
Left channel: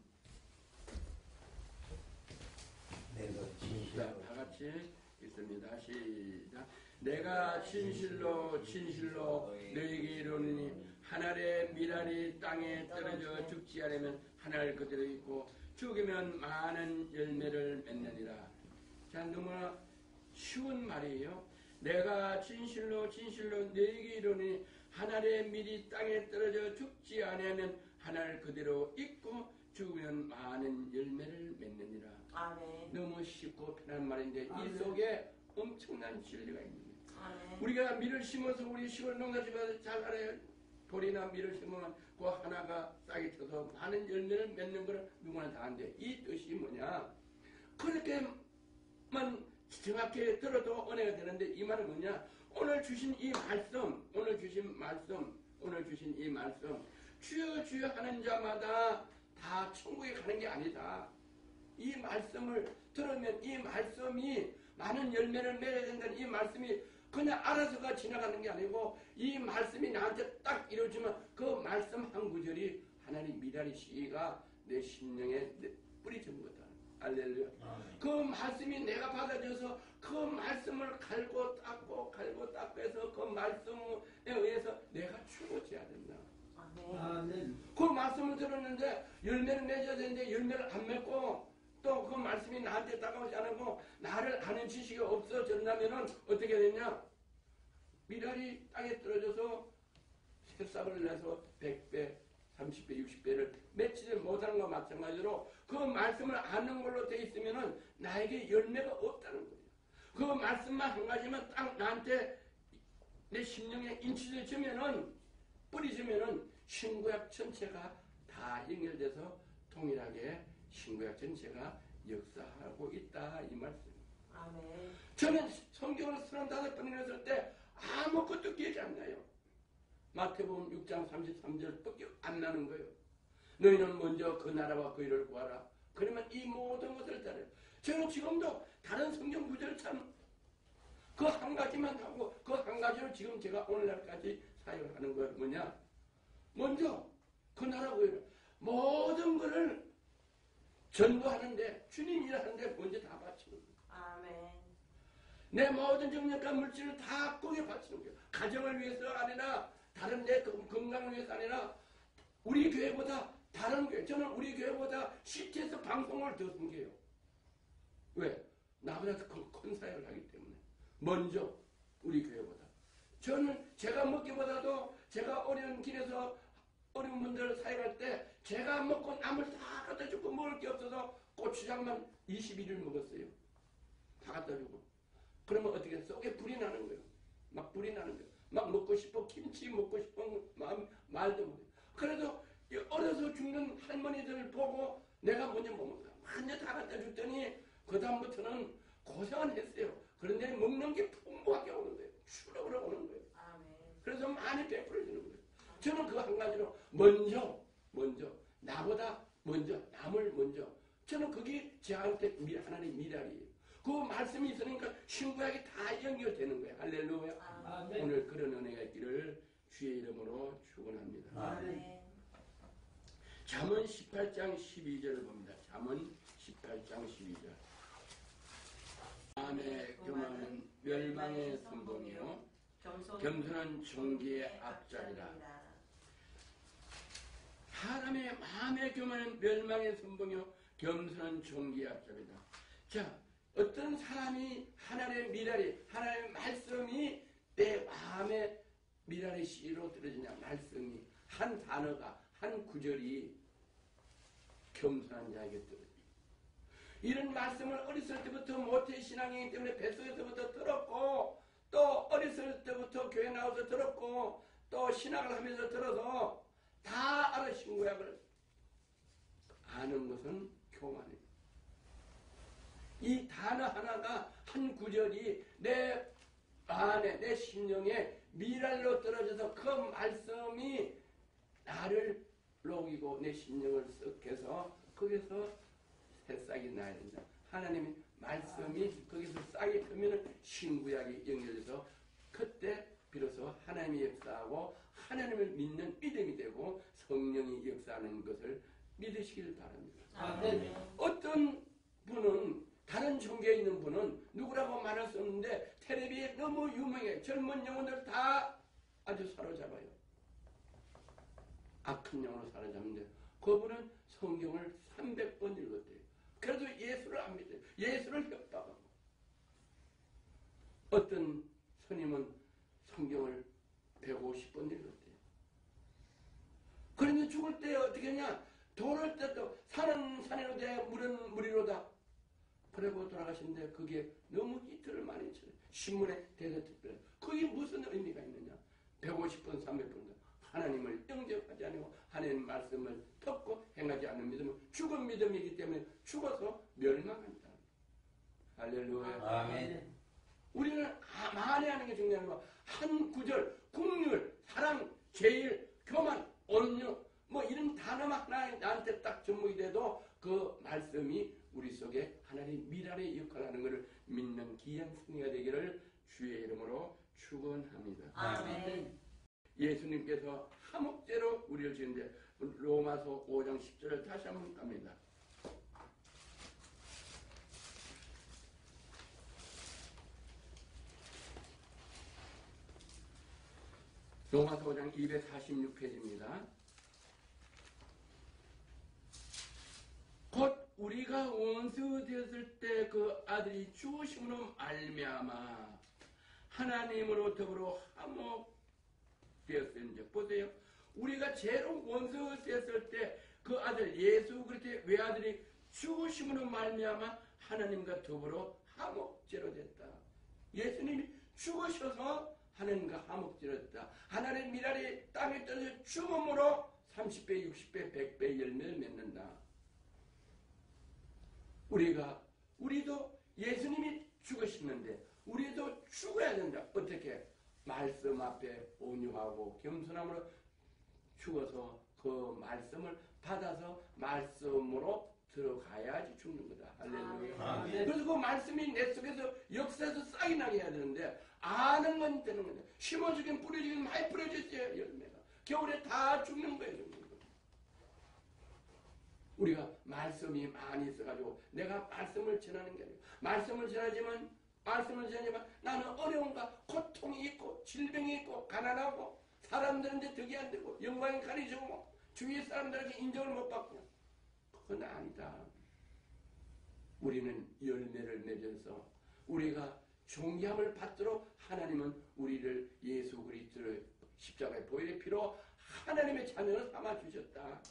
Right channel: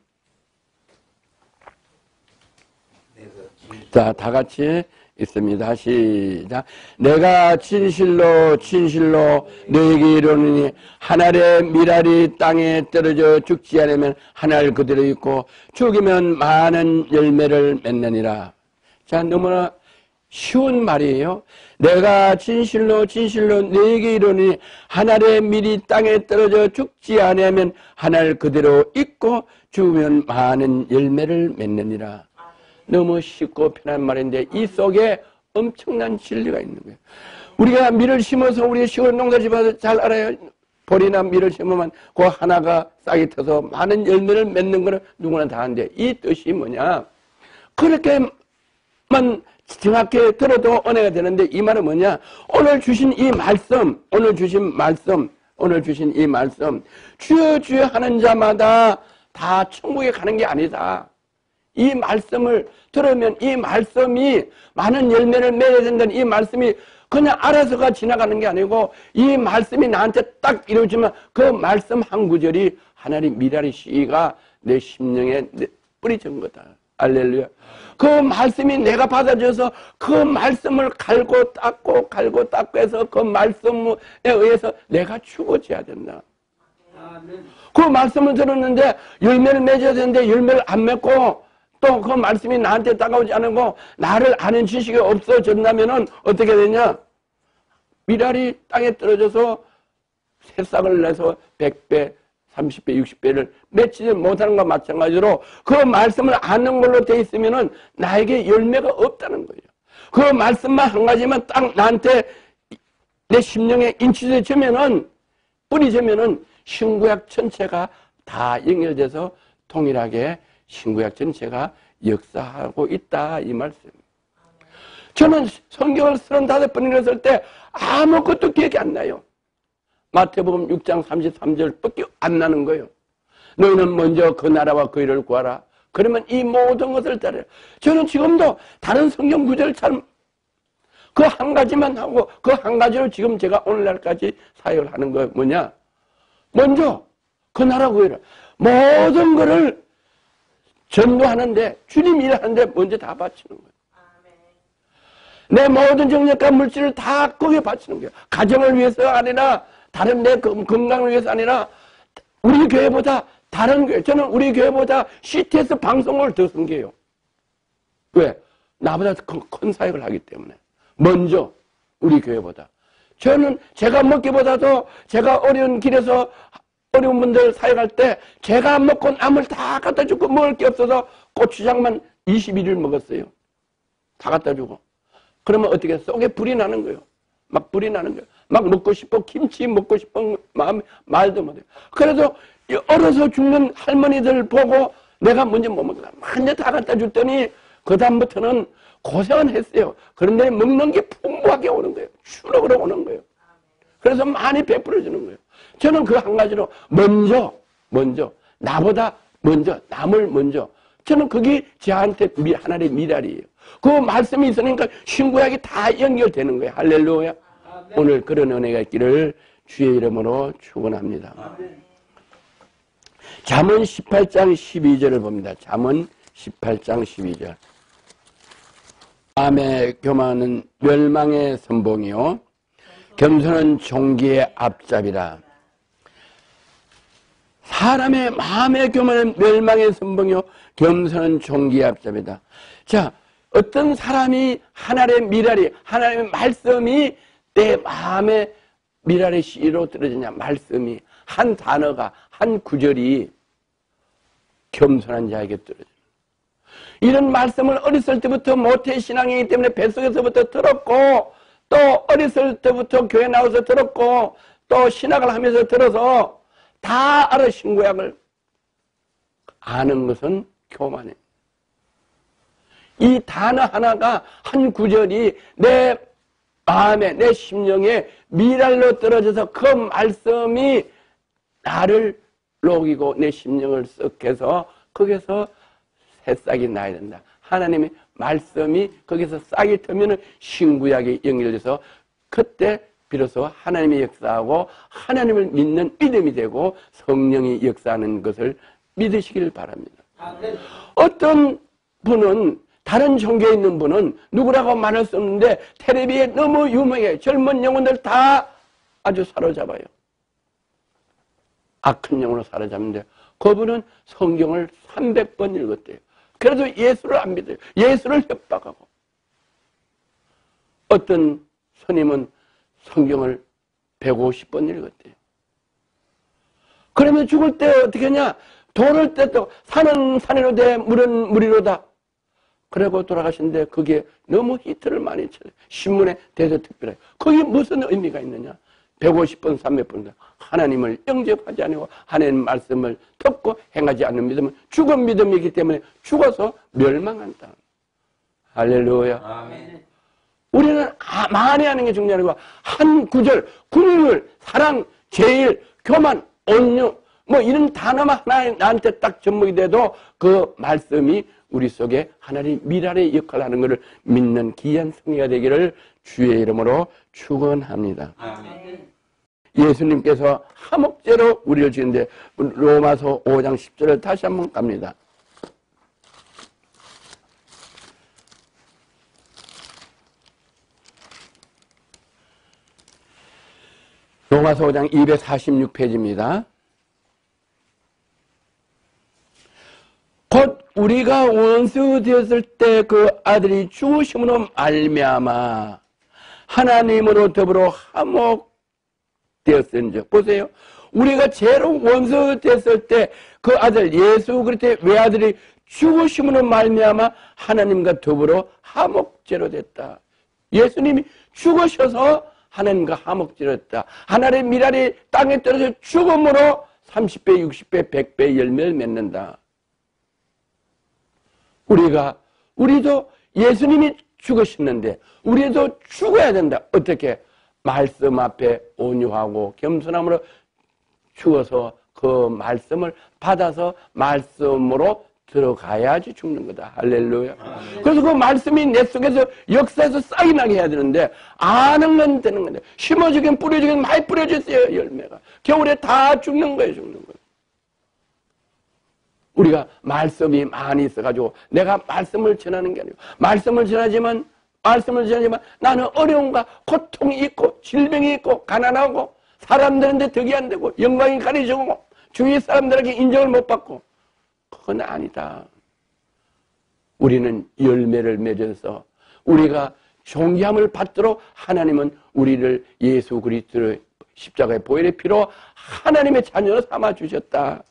자, 다 같이 있습니다. 시작. 내가 진실로 진실로 너에게 이르노니 한 알의 밀알이 땅에 떨어져 죽지 않으면 한 알 그대로 있고 죽으면 많은 열매를 맺느니라. 자, 너무나 쉬운 말이에요. 내가 진실로 진실로 너에게 이르노니 한 알의 밀이 땅에 떨어져 죽지 않으면 한 알 그대로 있고 죽으면 많은 열매를 맺느니라. 너무 쉽고 편한 말인데 이 속에 엄청난 진리가 있는 거예요. 우리가 밀을 심어서 우리 시골 농사집에서 잘 알아요. 보리나 밀을 심으면 그 하나가 싹이 터서 많은 열매를 맺는 거는 누구나 다 하는데 이 뜻이 뭐냐? 그렇게만 정확히 들어도 은혜가 되는데 이 말은 뭐냐? 오늘 주신 이 말씀, 오늘 주신 이 말씀 주여 주여 하는 자마다 다 천국에 가는 게 아니다. 이 말씀을 들으면 이 말씀이 많은 열매를 맺어야 된다는 이 말씀이 그냥 알아서가 지나가는 게 아니고 이 말씀이 나한테 딱 이루어지면 그 말씀 한 구절이 하나님 미랄의 씨가 내 심령에 뿌리진 거다. 할렐루야. 그 말씀이 내가 받아줘서 그 말씀을 갈고 닦고 해서 그 말씀에 의해서 내가 죽어져야 된다. 그 말씀을 들었는데 열매를 맺어야 되는데 열매를 안 맺고 또 그 말씀이 나한테 다가오지 않고 나를 아는 지식이 없어졌다면은 어떻게 되냐? 밀알이 땅에 떨어져서 새싹을 내서 100배, 30배, 60배를 맺지 못하는 것과 마찬가지로 그 말씀을 아는 걸로 돼 있으면은 나에게 열매가 없다는 거예요. 그 말씀만 한 가지만 딱 나한테 내 심령에 인치되면은 뿌리지면은 신구약 전체가 다 연결돼서 동일하게 신구약 전체가 역사하고 있다 이 말씀. 저는 성경을 35번 읽었을 때 아무것도 기억이 안 나요. 마태복음 6장 33절밖에 안 나는 거예요. 너희는 먼저 그 나라와 그 일을 구하라. 그러면 이 모든 것을 따라요. 저는 지금도 다른 성경 구절을 잘 그 한 가지만 하고 그 한 가지로 지금 제가 오늘날까지 사역을 하는 거 뭐냐? 먼저 그 나라 구해라. 모든 거를 전도하는데 주님 일하는데 먼저 다 바치는 거예요. 내 모든 정력과 물질을 다 거기에 바치는 거예요. 가정을 위해서가 아니라 다른 내 건강을 위해서 아니라 우리 교회보다 다른 교회. 저는 우리 교회보다 CTS 방송을 더 섬겨요. 왜? 나보다 큰 사역을 하기 때문에. 먼저 우리 교회보다. 저는 제가 먹기보다도 제가 어려운 길에서 어려운 분들 사역할 때 제가 먹고 남을 다 갖다 주고 먹을 게 없어서 고추장만 21일 먹었어요. 다 갖다 주고. 그러면 어떻게 속에 불이 나는 거예요. 막 불이 나는 거예요. 막 먹고 싶어, 김치 먹고 싶은 마음 말도 못해요. 그래서 얼어서 죽는 할머니들 보고 내가 먼저 못 먹다. 완전 다 갖다 줬더니 그 다음부터는 고생은 했어요. 그런데 먹는 게 풍부하게 오는 거예요. 추럭으로 오는 거예요. 그래서 많이 베풀어주는 거예요. 저는 그 한 가지로 먼저 나보다 먼저 남을 먼저 저는 그게 저한테 하나님의 미랄이에요. 그 말씀이 있으니까 신구약이 다 연결되는 거예요. 할렐루야. 오늘 그런 은혜가 있기를 주의 이름으로 축원합니다. 잠언 18장 12절을 봅니다. 잠언 18장 12절. 마음의 교만은 멸망의 선봉이요 겸손은 종기의 앞잡이라. 사람의 마음의 교만은 멸망의 선봉이요 겸손은 종기의 앞잡이다. 자, 어떤 사람이 하나님의 미랄이, 하나님의 말씀이 내 마음의 미랄의 씨로 떨어지냐. 말씀이 한 단어가 한 구절이 겸손한 자에게 떨어져요. 이런 말씀을 어렸을 때부터 모태신앙이기 때문에 뱃속에서부터 들었고 또 어렸을 때부터 교회 나와서 들었고 또 신학을 하면서 들어서 다 알아. 신구약을 아는 것은 교만이에요. 이 단어 하나가 한 구절이 내 마음에 내 심령에 미랄로 떨어져서 그 말씀이 나를 녹이고 내 심령을 썩해서 거기서 새싹이 나야 된다. 하나님의 말씀이 거기서 싹이 트면 신구약이 연결돼서 그때 비로소 하나님의 역사하고 하나님을 믿는 믿음이 되고 성령이 역사하는 것을 믿으시길 바랍니다. 어떤 분은 다른 종교에 있는 분은 누구라고 말할 수 없는데 텔레비에 너무 유명해. 젊은 영혼들 다 아주 사로잡아요. 악한 영으로 사로잡는데 그분은 성경을 300번 읽었대요. 그래도 예수를 안 믿어요. 예수를 협박하고. 어떤 스님은 성경을 150번 읽었대요. 그러면 죽을 때 어떻게 하냐? 돌을 떼도 산은 산이로 돼 물은 물이로다. 그러고 돌아가신데 그게 너무 히트를 많이 쳐요. 신문에 대서특별해. 그게 무슨 의미가 있느냐? 150번, 300번 하나님을 영접하지 않고 하나님 말씀을 듣고 행하지 않는 믿음은 죽은 믿음이기 때문에 죽어서 멸망한다. 할렐루야. 아멘. 우리는 많이 하는 게 중요한 거고 한 구절, 국률, 사랑, 제일, 교만, 온유 뭐 이런 단어만 하나 나한테 딱 접목이 돼도 그 말씀이 우리 속에 하나님 미랄의 역할을 하는 것을 믿는 귀한 승리가 되기를 주의 이름으로 축원합니다. 아멘. 예수님께서 화목제로 우리를 주는데 로마서 5장 10절을 다시 한번 갑니다. 로마서 5장 246페이지입니다. 곧 우리가 원수 되었을 때 그 아들이 죽으심으로 말미암아 하나님으로 더불어 화목되었은즉. 보세요. 우리가 죄로 원수 됐을 때 그 아들 예수 그리스도의 외아들이 죽으심으로 말미암아 하나님과 더불어 화목제로 됐다. 예수님이 죽으셔서 하나님과 화목제로 됐다. 하나님의 미랄이 땅에 떨어져 죽음으로 30배, 60배, 100배 열매를 맺는다. 우리도 예수님이 죽으셨는데 우리도 죽어야 된다. 어떻게? 말씀 앞에 온유하고 겸손함으로 죽어서 그 말씀을 받아서 말씀으로 들어가야지 죽는 거다. 할렐루야. 그래서 그 말씀이 내 속에서 역사에서 싹이 나게 해야 되는데 아는 건 되는 건데 심어주긴 뿌려주긴 많이 뿌려졌어요. 열매가. 겨울에 다 죽는 거예요. 죽는 거예요. 우리가 말씀이 많이 있어가지고 내가 말씀을 전하는 게 아니고 말씀을 전하지만 나는 어려움과 고통이 있고 질병이 있고 가난하고 사람들한테 덕이 안 되고 영광이 가려지고 주위 사람들에게 인정을 못 받고 그건 아니다. 우리는 열매를 맺어서 우리가 존귀함을 받도록 하나님은 우리를 예수 그리스도로 십자가의 보혈의 피로 하나님의 자녀로 삼아주셨다.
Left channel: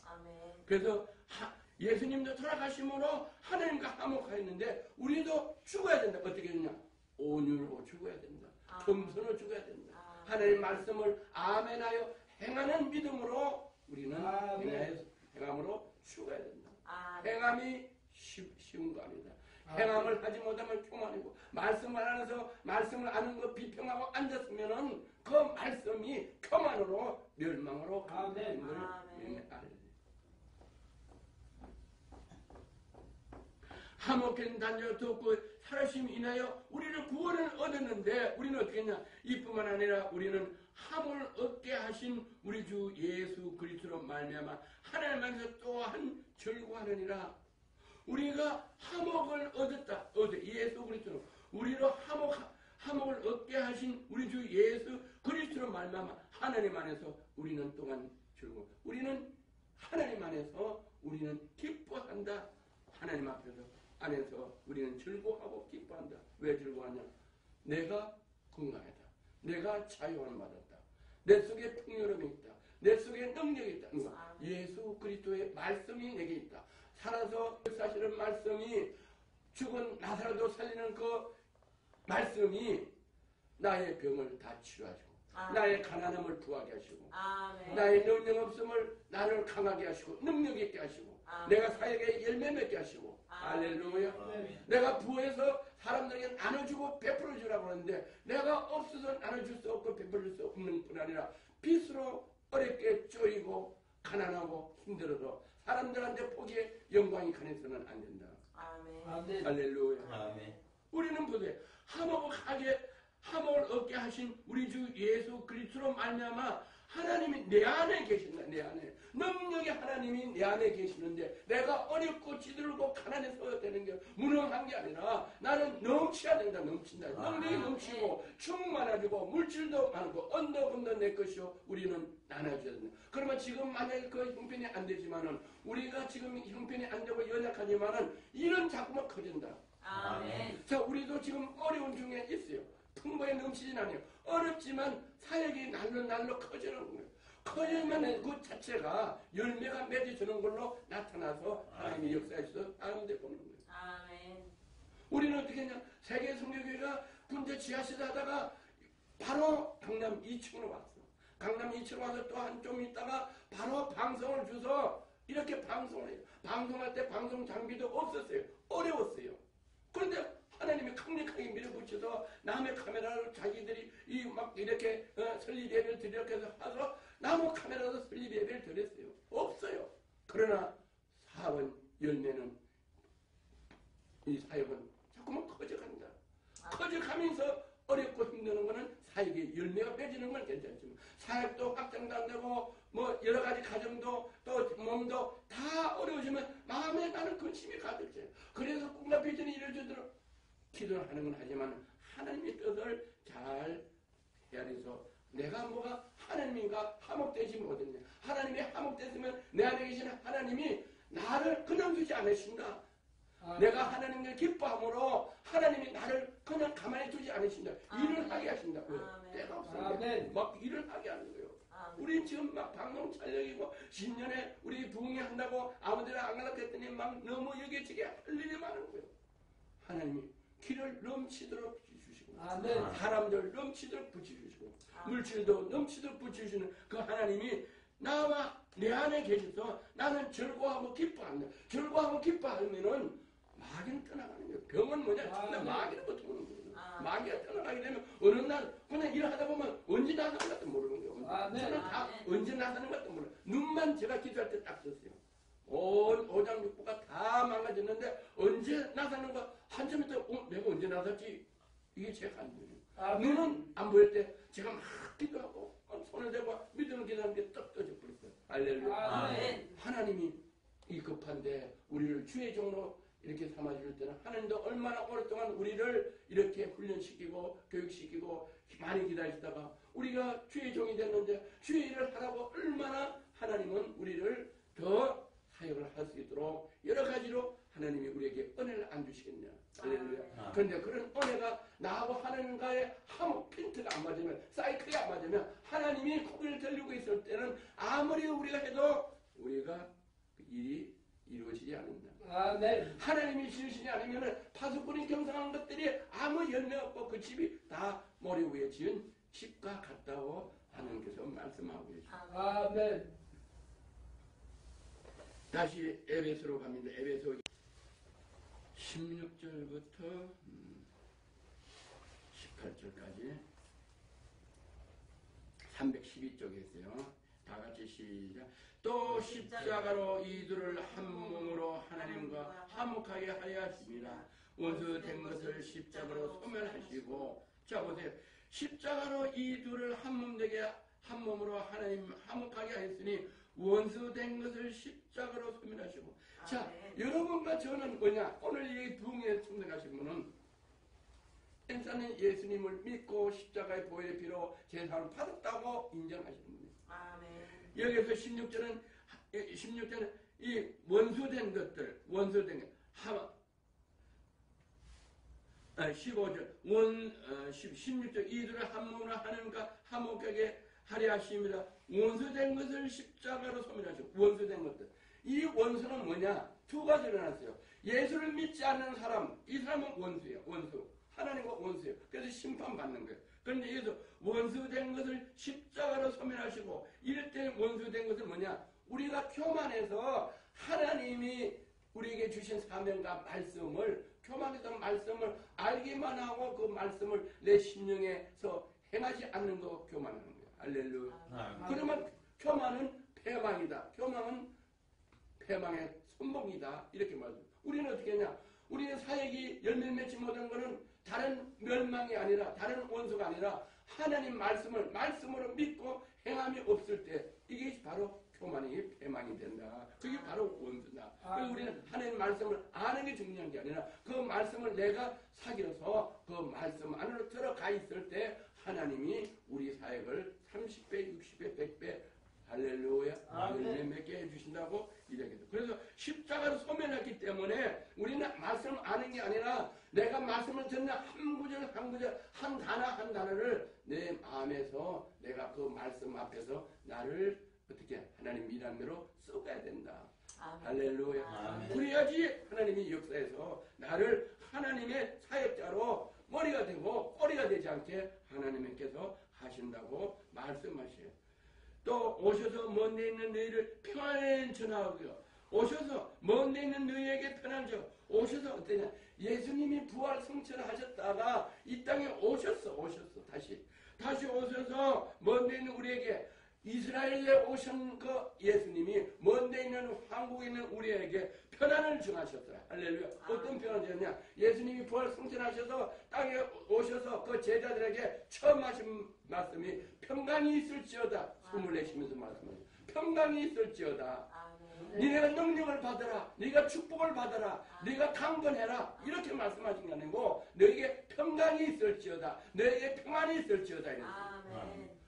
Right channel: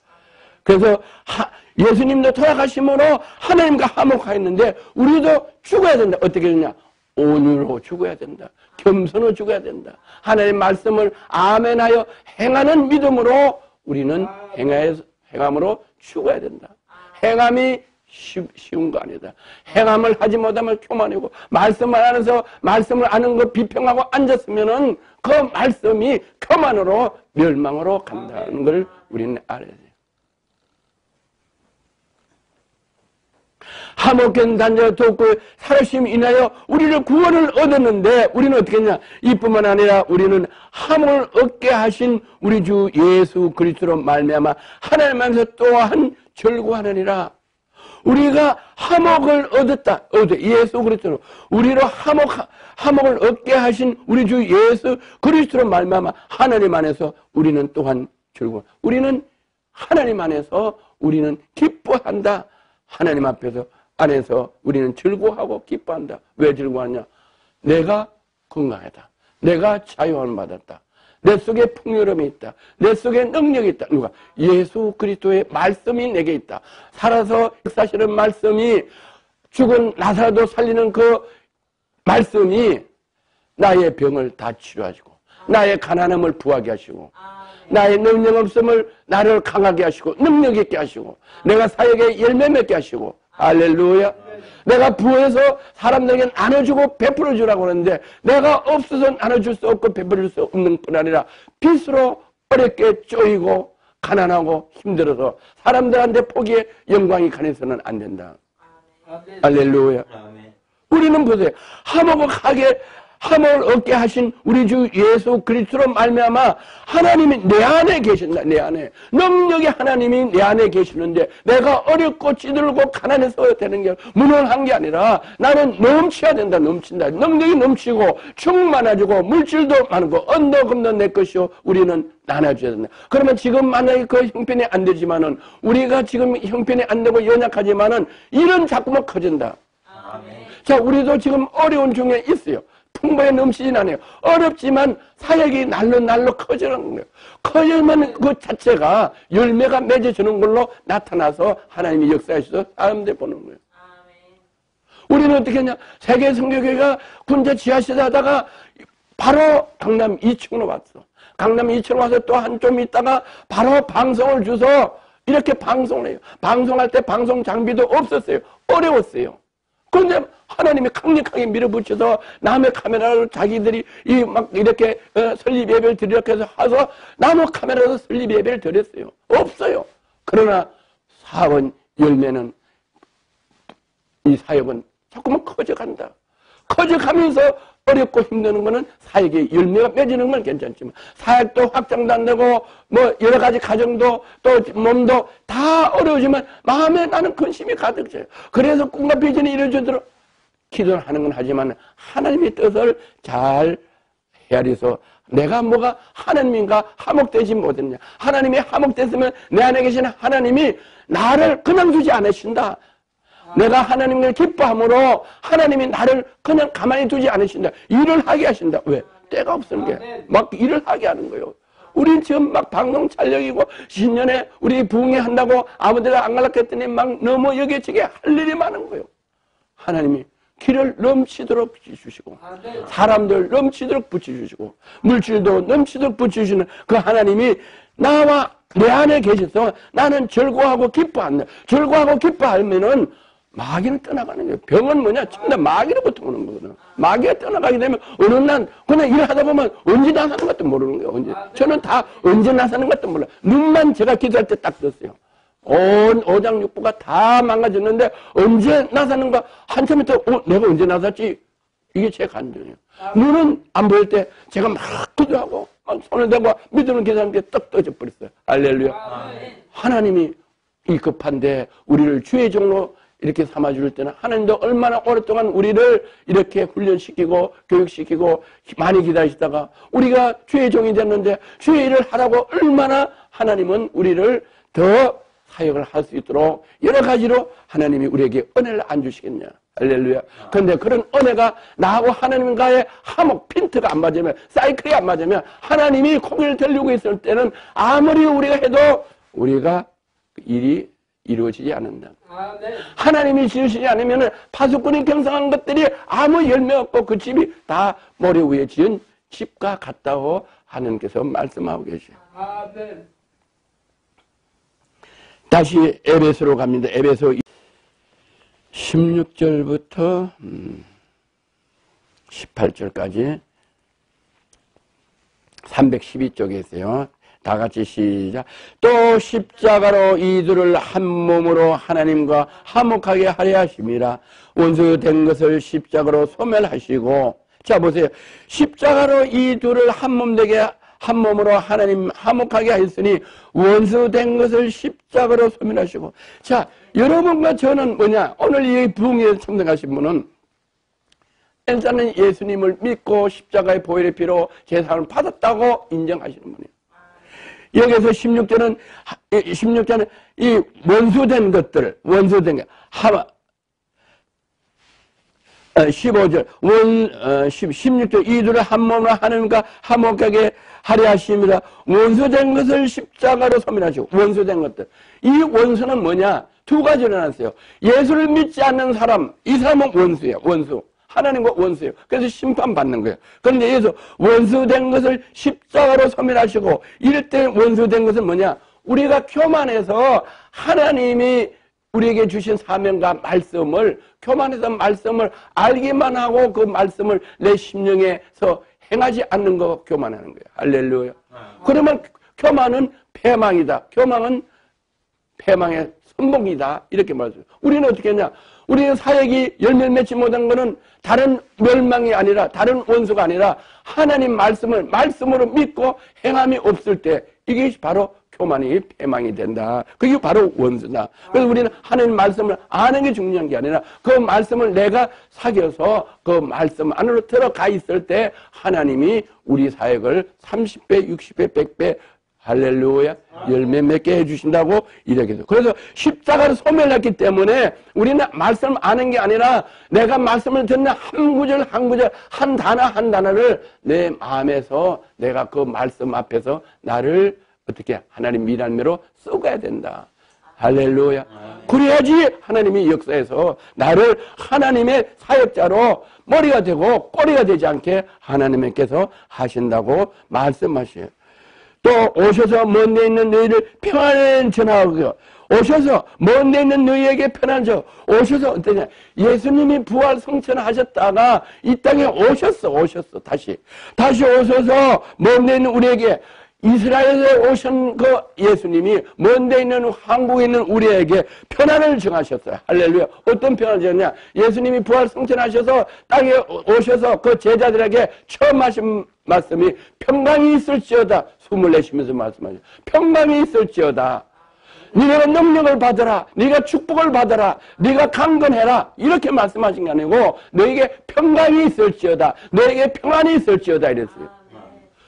그래서 예수님도 돌아가심으로 하나님과 화목하였는데 우리도 죽어야 된다. 어떻게 되냐? 온유로 죽어야 된다. 겸손으로 죽어야 된다. 하나님의 말씀을 아멘하여 행하는 믿음으로 우리는 행함으로 죽어야 된다. 행함이 쉬운 거 아니다. 행함을 하지 못하면 교만이고, 말씀을 안 해서 말씀을 아는 거 비평하고 앉았으면은 그 말씀이 교만으로 멸망으로 간다는 걸 우리는 알아야 돼요. 화목한 단자가 돕고 살아심 인하여 우리를 구원을 얻었는데 우리는 어떻게 했냐? 이뿐만 아니라 우리는 화목을 얻게 하신 우리 주 예수 그리스도로 말미암아 하나님 안에서 또한 절구하느니라. 우리가 화목을 얻었다. 예수 그리스도로 우리로 화목을 얻게 하신 우리 주 예수 그리스도로 말미암아 하나님 안에서 우리는 또한 절구. 우리는 하나님 안에서 우리는 기뻐한다. 하나님 안에서 우리는 즐거워하고 기뻐한다. 왜 즐거워하냐? 내가 건강하다. 내가 자유함을 받았다. 내 속에 풍요로움이 있다. 내 속에 능력이 있다. 누가? 예수 그리스도의 말씀이 내게 있다. 살아서 역사하시는 말씀이, 죽은 나사로도 살리는 그 말씀이 나의 병을 다 치료하시고, 나의 가난함을 부하게 하시고, 나의 능력 없음을 나를 강하게 하시고 능력 있게 하시고, 내가 사역에 열매 맺게 하시고, 할렐루야. 내가 부어서 사람들에게 나눠주고 베풀어 주라고 하는데 내가 없어서 나눠줄 수 없고 베풀어 줄 수 없는 뿐 아니라 빚으로 어렵게 쪼이고 가난하고 힘들어서 사람들한테 포기해 영광이 가해서는 안 된다. 할렐루야. 우리는 보세요. 화목을 얻게 하신 우리 주 예수 그리스도로 말미암아 하나님이 내 안에 계신다. 내 안에 능력의 하나님이 내 안에 계시는데 내가 어렵고 찌들고 가난해서 되는 게 무능한 게 아니라 나는 넘쳐야 된다. 넘친다. 능력이 넘치고 충만해지고 물질도 많고 언덕금도 내 것이요 우리는 나눠줘야 된다. 그러면 지금 만약에 그 형편이 안 되지만은 우리가 지금 형편이 안 되고 연약하지만은 일은 자꾸만 커진다. 자, 우리도 지금 어려운 중에 있어요. 풍부에 넘치진 않아요. 어렵지만 사역이 날로 커지는 거예요. 커지면 그 자체가 열매가 맺어지는 걸로 나타나서 하나님이 역사하셔서 사람들 보는 거예요. 우리는 어떻게 했냐? 세계 선교교회가 군제 지하실에 하다가 바로 강남 2층으로 왔어. 강남 2층으로 와서 또 한 좀 있다가 바로 방송을 줘서 이렇게 방송을 해요. 방송할 때 방송 장비도 없었어요. 어려웠어요. 그런데 하나님이 강력하게 밀어붙여서 남의 카메라를 자기들이 막 이렇게 설립 예배를 드리려고 해서 와서 남의 카메라로 설립 예배를 드렸어요. 없어요. 그러나 사원 열매는 이 사역은 자꾸만 커져간다. 커져가면서 어렵고 힘드는 거는 사역의 열매가 맺어지는 건 괜찮지만 사역도 확장도 안 되고 뭐 여러 가지 가정도 또 몸도 다 어려우지만 마음에 나는 근심이 가득 차요. 그래서 꿈과 비전이 이루어지도록 기도를 하는 건 하지만 하나님의 뜻을 잘 헤아려서 내가 뭐가 하나님인가 화목되지 못했냐. 하나님이 화목됐으면 내 안에 계신 하나님이 나를 그냥 두지 않으신다. 내가 하나님을 기뻐함으로 하나님이 나를 그냥 가만히 두지 않으신다. 일을 하게 하신다. 왜? 때가 없는 게 막 일을 하게 하는 거예요. 우리 지금 막 방송 촬영이고 신년에 우리 부흥회 한다고 아무데나 안 가려고 했더니 막 너무 여기저기 할 일이 많은 거예요. 하나님이 길을 넘치도록 붙여주시고 사람들 넘치도록 붙여주시고 물질도 넘치도록 붙여주시는 그 하나님이 나와 내 안에 계셔서 나는 즐거워하고 기뻐한다. 즐거워하고 기뻐하면은 마귀는 떠나가는 거예요. 병은 뭐냐? 처음에 마귀로부터 오는 거거든. 마귀가 떠나가게 되면 어느 날 그냥 일하다 보면 언제 나서는 것도 모르는 거예요. 언제. 저는 다 언제 나서는 것도 몰라요. 눈만 제가 기도할 때 딱 떴어요. 온 오장육부가 다 망가졌는데 언제 나서는가 한참 있다 내가 언제 나섰지? 이게 제 감정이에요. 눈은 안 보일 때 제가 막 기도하고 막 손을 대고 믿음을 기도하는 게 떡 떠져 버렸어요. 할렐루야. 하나님이 이 급한데 우리를 주의 종로 이렇게 삼아줄 때는 하나님도 얼마나 오랫동안 우리를 이렇게 훈련시키고 교육시키고 많이 기다리시다가 우리가 주의 종이 됐는데 주의 일을 하라고 얼마나 하나님은 우리를 더 사역을 할 수 있도록 여러 가지로 하나님이 우리에게 은혜를 안 주시겠냐. 할렐루야. 그런데 그런 은혜가 나하고 하나님과의 화목, 핀트가 안 맞으면, 사이클이 안 맞으면 하나님이 고개를 들리고 있을 때는 아무리 우리가 해도 우리가 일이 이루어지지 않는다. 하나님이 지으시지 않으면 파수꾼이 경성한 것들이 아무 열매 없고 그 집이 다 모래 위에 지은 집과 같다고 하나님께서 말씀하고 계셔요. 다시 에베소로 갑니다. 에베소 16절부터 18절까지 312쪽에 있어요. 다 같이 시작. 또 십자가로 이들을 한 몸으로 하나님과 화목하게 하려 하심이라. 원수된 것을 십자가로 소멸하시고. 자 보세요. 십자가로 이들을 한 몸 되게 한 몸으로 하나님 화목하게 하였으니 원수된 것을 십자가로 소멸하시고. 자, 여러분과 저는 뭐냐? 오늘 이 부흥에 참석하신 분은 일단은 예수님을 믿고 십자가의 보혈의 피로 제사를 받았다고 인정하시는 분이에요. 여기서 16절은 이 원수된 것들, 원수된 것, 15절, 16절, 이들을 한 몸으로 하나님과 화목하게 하려 하심이라. 원수된 것을 십자가로 소멸하시고. 원수된 것들. 이 원수는 뭐냐? 두 가지로 나눴어요. 예수를 믿지 않는 사람, 이 사람은 원수예요. 원수. 하나님과 원수예요. 그래서 심판받는 거예요. 그런데 예수 원수된 것을 십자가로 소멸하시고. 이럴 때 원수된 것은 뭐냐? 우리가 교만해서 하나님이 우리에게 주신 사명과 말씀을, 교만해서 말씀을 알기만 하고 그 말씀을 내 심령에서 행하지 않는 거 교만하는 거예요. 할렐루야. 그러면 교만은 패망이다. 교만은 패망의 선봉이다. 이렇게 말해요. 우리는 어떻게 했냐? 우리는 사역이 열매를 맺지 못한 것은 다른 멸망이 아니라, 다른 원수가 아니라 하나님 말씀으로 믿고 행함이 없을 때 이게 바로 교만이 패망이 된다. 그게 바로 원수다. 그래서 우리는 하나님 말씀을 아는 게 중요한 게 아니라 그 말씀을 내가 사귀어서 그 말씀 안으로 들어가 있을 때 하나님이 우리 사역을 30배, 60배, 100배 할렐루야 열매 맺게 해주신다고 이렇게 해서. 그래서 십자가를 소멸했기 때문에 우리는 말씀을 아는 게 아니라 내가 말씀을 듣는 한 구절 한 구절, 한 단어 한 단어를 내 마음에서 내가 그 말씀 앞에서 나를 어떻게 하나님 미랄매로 쏘가야 된다. 할렐루야. 그래야지 하나님이 역사에서 나를 하나님의 사역자로 머리가 되고 꼬리가 되지 않게 하나님께서 하신다고 말씀하셔요. 또 오셔서 먼 데 있는 너희를 평안을 전하고, 오셔서 먼 데 있는 너희에게 편안을 줘. 오셔서 어떠냐? 예수님이 부활 성천하셨다가 이 땅에 오셨어. 다시 오셔서 먼 데 있는 우리에게, 이스라엘에 오신 그 예수님이 먼 데 있는 한국에 있는 우리에게 편안을 정하셨어요. 할렐루야. 어떤 편안을 정했냐? 예수님이 부활 승천하셔서 땅에 오셔서 그 제자들에게 처음 하신 말씀이 평강이 있을지어다. 숨을 내쉬면서 말씀하셔요. 평강이 있을지어다. 네가 능력을 받아라. 네가 축복을 받아라. 네가 강건해라. 이렇게 말씀하신 게 아니고 너에게 평강이 있을지어다. 너에게 평안이 있을지어다 이랬어요.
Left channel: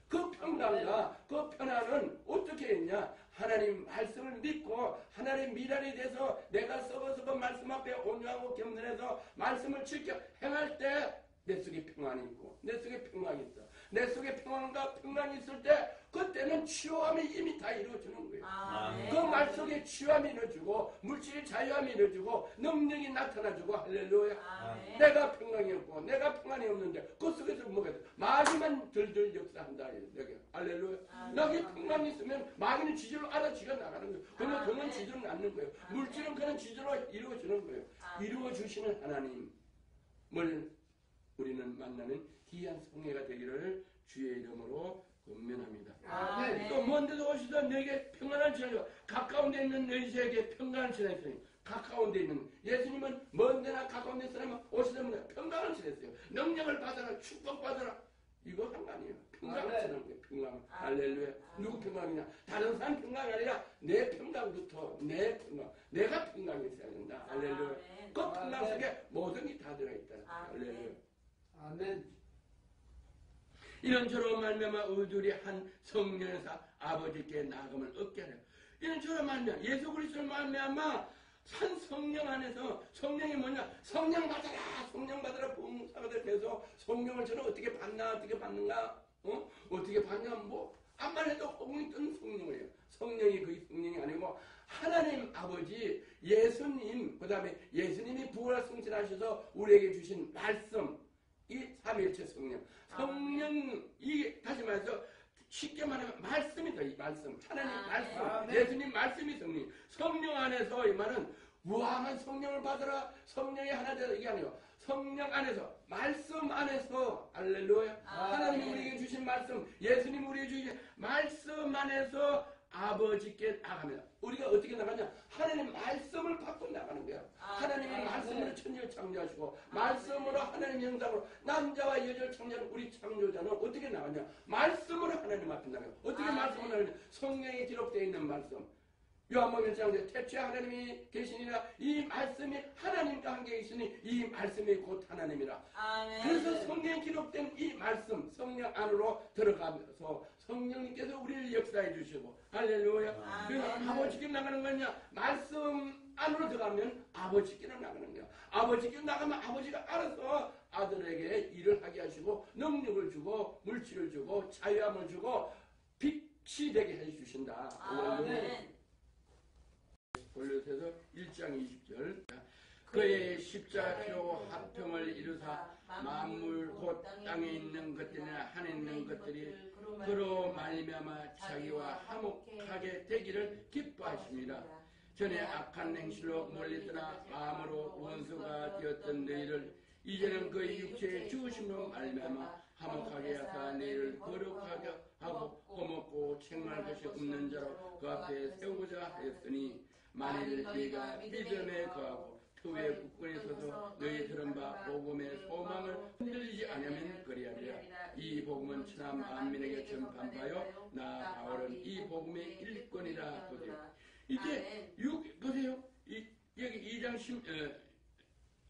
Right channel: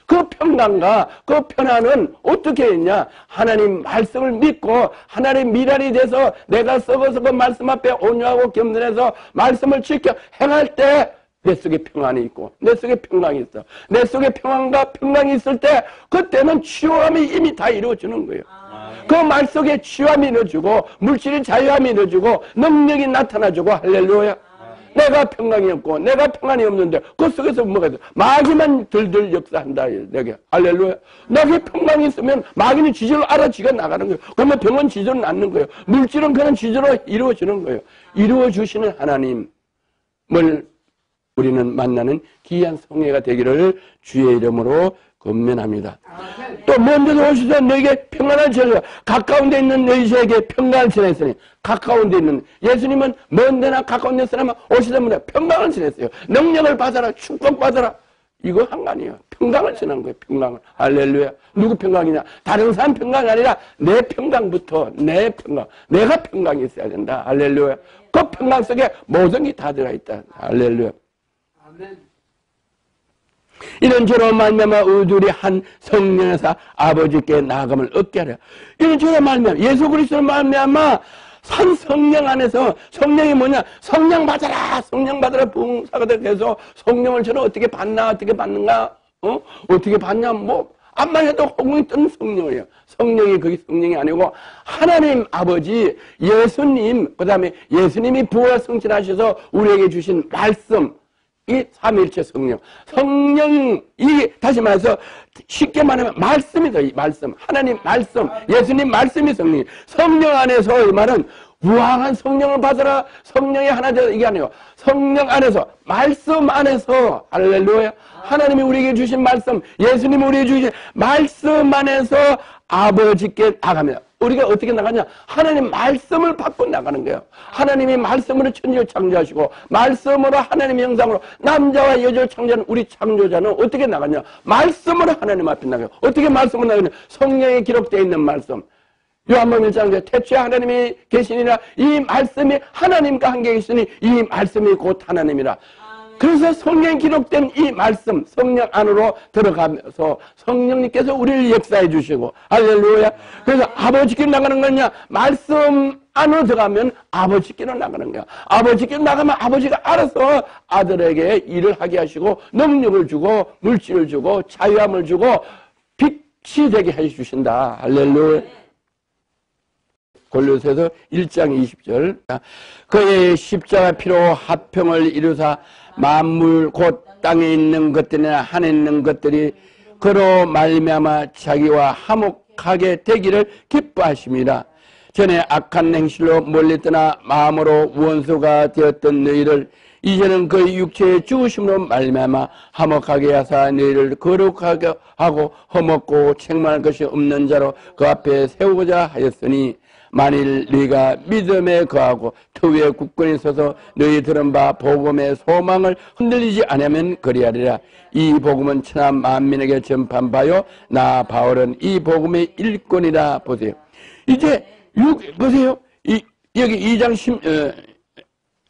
그 평강과 그 편안은 어떻게 했냐? 하나님 말씀을 믿고 하나님 미랄이 돼서 내가 썩어서 그 말씀 앞에 온유하고 겸손해서 말씀을 지켜 행할 때 내 속에 평안이 있고 내 속에 평강이 있어. 내 속에 평안과 평강이 있을 때 그때는 치유함이 이미 다 이루어지는 거예요. 그 말 속에 치유함이 이루어지고 물질의 자유함이 이루어지고 능력이 나타나주고 할렐루야. 내가 평강이 없고 내가 평안이 없는데 그 속에서 뭐가 돼? 마귀만 들들 역사한다. 내게 할렐루야. 내게 평강이 있으면 마귀는 지저로 알아 지가 나가는 거예요. 그러면 병은 지저로 낫는 거예요. 물질은 그런 지저로 이루어지는 거예요. 이루어주시는 하나님을 우리는 만나는 귀한 성회가 되기를 주의 이름으로 권면합니다. 또 먼저 오셔서 너에게 평안을 전하라. 가까운 데 있는 너희에게 평강을 전했으니, 가까운 데 있는 예수님은 먼 데나 가까운 데 사람은 오시다 보니 평강을 전했어요. 능력을 받아라. 축복 받아라. 이거 한 거 아니에요. 평강을 전한 거예요. 평강을. 할렐루야. 누구 평강이냐? 다른 사람 평강이 아니라 내 평강부터 내 평강. 내가 평강이 있어야 된다. 할렐루야. 그 평강 속에 모든 게 다 들어있다. 할렐루야. 이런 죄로 말미암아 우리들이 한 성령에서 아버지께 나아감을 얻게 하려. 이런 죄로 말미암아 예수 그리스도로 말미암아 산 성령 안에서 성령이 뭐냐? 성령 받아라, 성령 받아라, 부흥사가 돼서 성령을 저는 어떻게 받나, 어떻게 받는가, 어떻게 받냐, 뭐 암만 해도 호응이 뜨는 성령이에요. 성령이 그게 성령이 아니고 하나님 아버지, 예수님, 그 다음에 예수님이 부활 성취하셔서 우리에게 주신 말씀, 이 삼위일체 성령. 성령, 이 다시 말해서 쉽게 말하면 말씀이다. 이 말씀. 하나님 말씀, 예수님 말씀이 성령. 성령 안에서 이 말은 무한한 성령을 받아라. 성령이 하나 되어 이게 아니고 성령 안에서, 말씀 안에서, 할렐루야. 하나님이 우리에게 주신 말씀, 예수님이 우리에게 주신 말씀 안에서 아버지께 나갑니다. 우리가 어떻게 나가냐? 하나님 말씀을 받고 나가는 거예요. 하나님이 말씀으로 천지를 창조하시고 말씀으로 하나님의 형상으로 남자와 여자를 창조하는 우리 창조자는 어떻게 나가냐? 말씀으로 하나님 앞에 나가요. 어떻게 말씀으로 나가냐? 성령에 기록되어 있는 말씀. 요한복음 1장에 태초에 하나님이 계시니라, 이 말씀이 하나님과 함께 계시니 이 말씀이 곧 하나님이라. 그래서 성령에 기록된 이 말씀, 성령 안으로 들어가면서 성령님께서 우리를 역사해 주시고, 할렐루야. 그래서 아버지께로 나가는 거냐? 말씀 안으로 들어가면 아버지께로 나가는 거야. 아버지께로 나가면 아버지가 알아서 아들에게 일을 하게 하시고 능력을 주고 물질을 주고 자유함을 주고 빛이 되게 해 주신다. 할렐루야. 골로새서 1장 20절. 그의 십자가 피로 화평을 이루사 만물 곧 땅에 있는 것들이나 하늘에 있는 것들이 그로 말미암아 자기와 화목하게 되기를 기뻐하심이라. 전에 악한 행실로 멀리 떠나 마음으로 원수가 되었던 너희를 이제는 그 육체의 죽으심으로 말미암아 화목하게 하사 너희를 거룩하게 하고 험없고 책망할 것이 없는 자로 그 앞에 세우고자 하였으니, 만일 너희가 믿음에 거하고 터위에 굳건히 서서 너희 들은 바 복음의 소망을 흔들리지 않으면 그리하리라. 이 복음은 천하 만민에게 전파한 바요 나 바울은 이 복음의 일꾼이라. 보세요. 이제 보세요. 여기 2장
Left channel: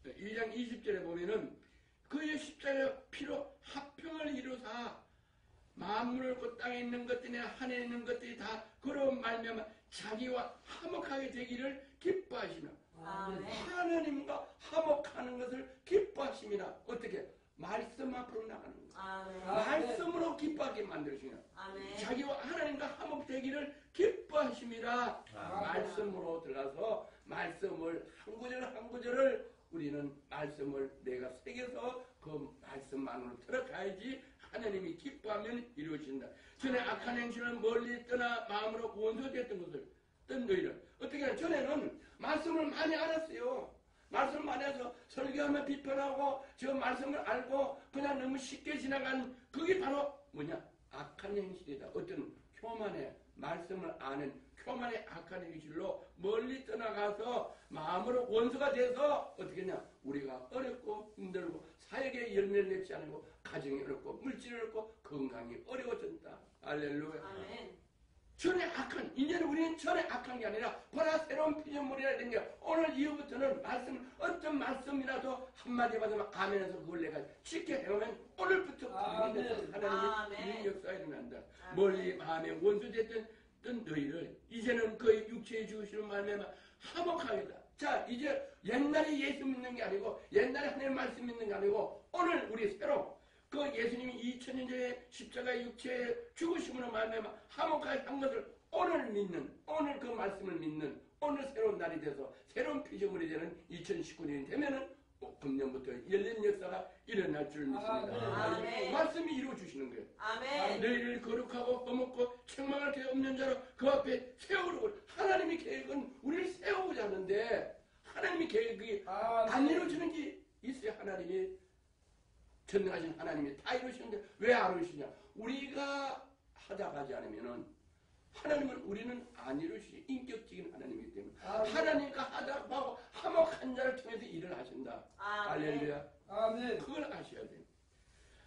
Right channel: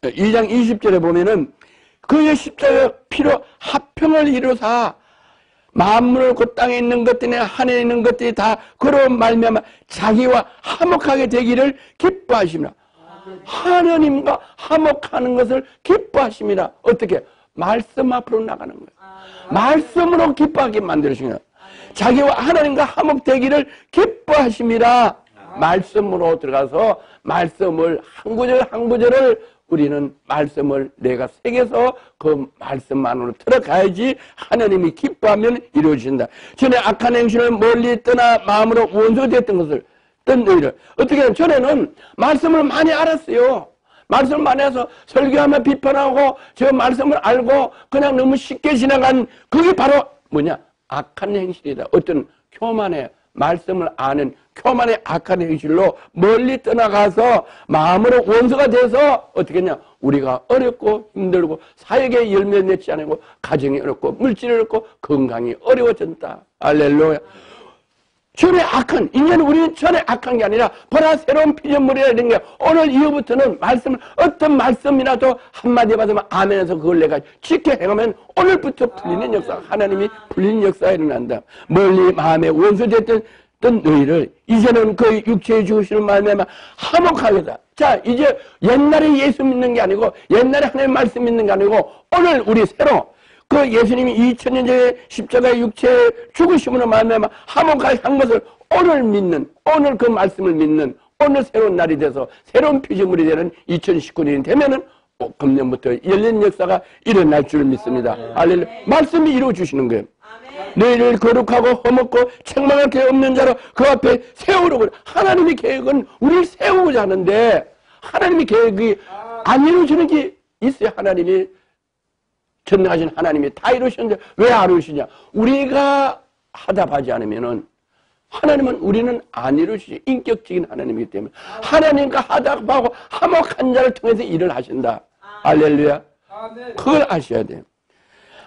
20절에 보면은 그의 십자가 피로 화평을 이루사 만물을 그 땅에 있는 것들이나 하늘에 있는 것들이 다 그로 말미암아 자기와 화목하게 되기를 기뻐하십니다. 하나님과 화목하는 것을 기뻐하십니다. 어떻게? 말씀 앞으로 나가는 거예요. 말씀으로 기뻐하게 만들으신 거예요. 자기와 하나님과 화목되기를 기뻐하십니다. 말씀으로 들어가서 말씀을 한 구절 한 구절을 우리는 말씀을 내가 새겨서 그 말씀 안으로 들어가야지 하나님이 기뻐하면 이루어진다. 전에 악한 행실을 멀리 떠나 마음으로 원수됐던 것을 떤 너희를 어떻게 하면 전에는 말씀을 많이 알았어요. 말씀을 많이 해서 설교하면 비판하고 저 말씀을 알고 그냥 너무 쉽게 지나간 그게 바로 뭐냐? 악한 행실이다. 어떤 교만의 말씀을 아는 교만의 악한 행실로 멀리 떠나가서 마음으로 원수가 돼서 어떻게 했냐? 우리가 어렵고 힘들고 사역에 열매 맺지 않고 가정이 어렵고 물질이 어렵고 건강이 어려워진다. 할렐루야. 전에 악한, 이제는 우리는 전에 악한 게 아니라 보라 새로운 피조물이라 된 게 오늘 이후부터는 말씀을 어떤 말씀이라도 한마디 받으면 아멘해서 그걸 내가 지켜 행하면 오늘부터 풀리는 역사, 하나님이 풀리는 역사가 일어난다. 멀리 마음에 원수됐던 너희를 이제는 그 육체의 죽으시는 말미암아 화목하게다. 자, 이제 옛날에 예수 믿는 게 아니고 옛날에 하나님 말씀 믿는 게 아니고 오늘 우리 새로 그 예수님이 2000년 전에 십자가의 육체의 죽으심으로 말미암아 화목하게 한 것을 오늘 믿는, 오늘 그 말씀을 믿는 오늘 새로운 날이 돼서 새로운 피조물이 되는 2019년이 되면은 금년부터 열린 역사가 일어날 줄 믿습니다. 할렐루야. 말씀이 이루어 주시는 거예요. 너희를 거룩하고 험없고 책망할 게 없는 자로 그 앞에 세우려고. 하나님의 계획은 우리를 세우고자 하는데 하나님의 계획이 안 이루어지는 게 있어요. 하나님이 전능하신 하나님이 다 이루시는데 왜 안 이루시냐? 우리가 하답하지 않으면은 하나님은 우리는 안 이루시지. 인격적인 하나님이기 때문에 하나님과 하답하고 화목한 자를 통해서 일을 하신다. 할렐루야. 그걸 아셔야 돼요.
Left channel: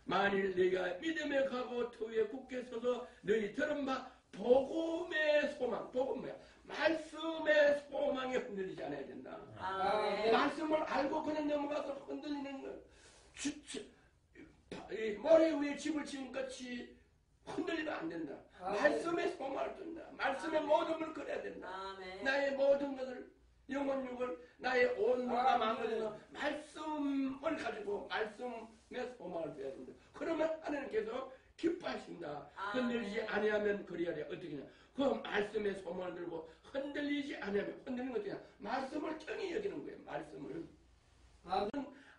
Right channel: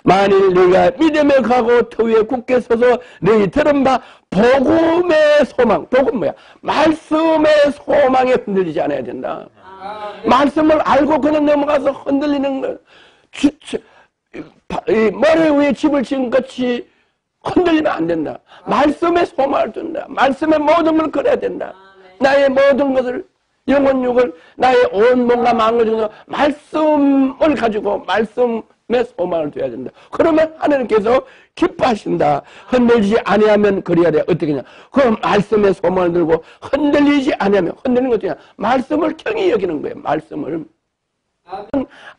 만일 너희가 믿음에 가고 터위에 굳게 서서 너희 들은 바 복음의 소망, 복음 뭐야? 말씀의 소망에 흔들리지 않아야 된다. 말씀을 알고 그냥 넘어가서 흔들리는 거, 머리 위에 집을 지은 것이 흔들리면 안 된다. 말씀에 소망을 둔다. 말씀에 모든 걸 걸어야 된다. 나의 모든 것을 영혼육을 나의 온 몸과 마음을 중에서 말씀을 가지고 말씀에 소망을 둬야 된다. 그러면 하나님께서 기뻐하신다. 흔들리지 아니하면 그래야 돼. 어떻게 하냐? 그 말씀에 소망을 들고 흔들리지 아니하면 흔들리는 것도 아니라 말씀을 경히 여기는 거예요. 말씀을.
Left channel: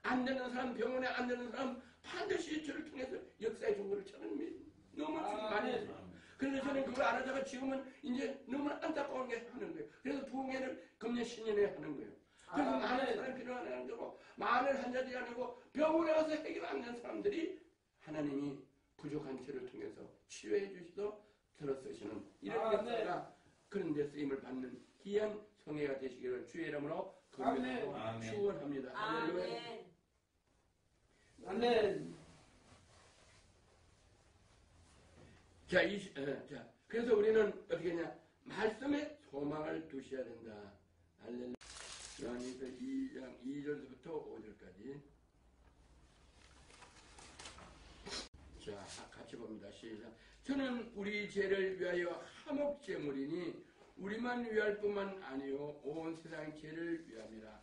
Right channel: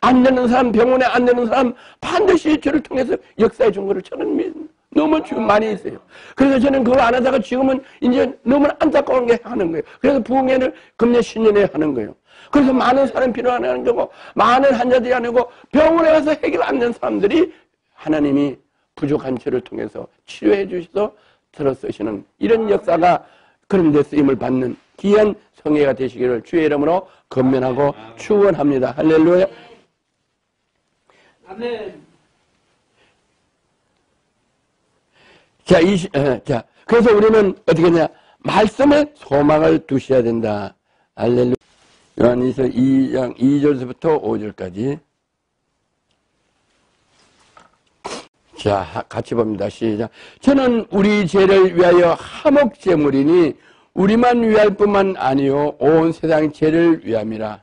안 되는 사람, 병원에 안 되는 사람 반드시 저를 통해서 역사해 준 거를 저는 너무 많이 있어요. 그래서 저는 그걸 안 하다가 지금은 이제 너무 안타까운 게 하는 거예요. 그래서 부흥회를 금년 신년에 하는 거예요. 그래서 많은 사람이 필요하는 거고 많은 환자들이 아니고 병원에 가서 해결 안 된 사람들이 하나님이 부족한 저를 통해서 치료해 주셔서 들어 쓰시는 이런 역사가 그런 데 쓰임을 받는 귀한 성회가 되시기를 주의 이름으로 건면하고 축원합니다. 할렐루야. 아멘. 자, 그래서 우리는 어떻게 하냐? 말씀에 소망을 두셔야 된다. 할렐루야. 요한일서 2장 2절부터 5절까지. 자, 같이 봅니다. 시작. 저는 우리 죄를 위하여 화목제물이니 우리만 위할 뿐만 아니요 온 세상 죄를 위함이라.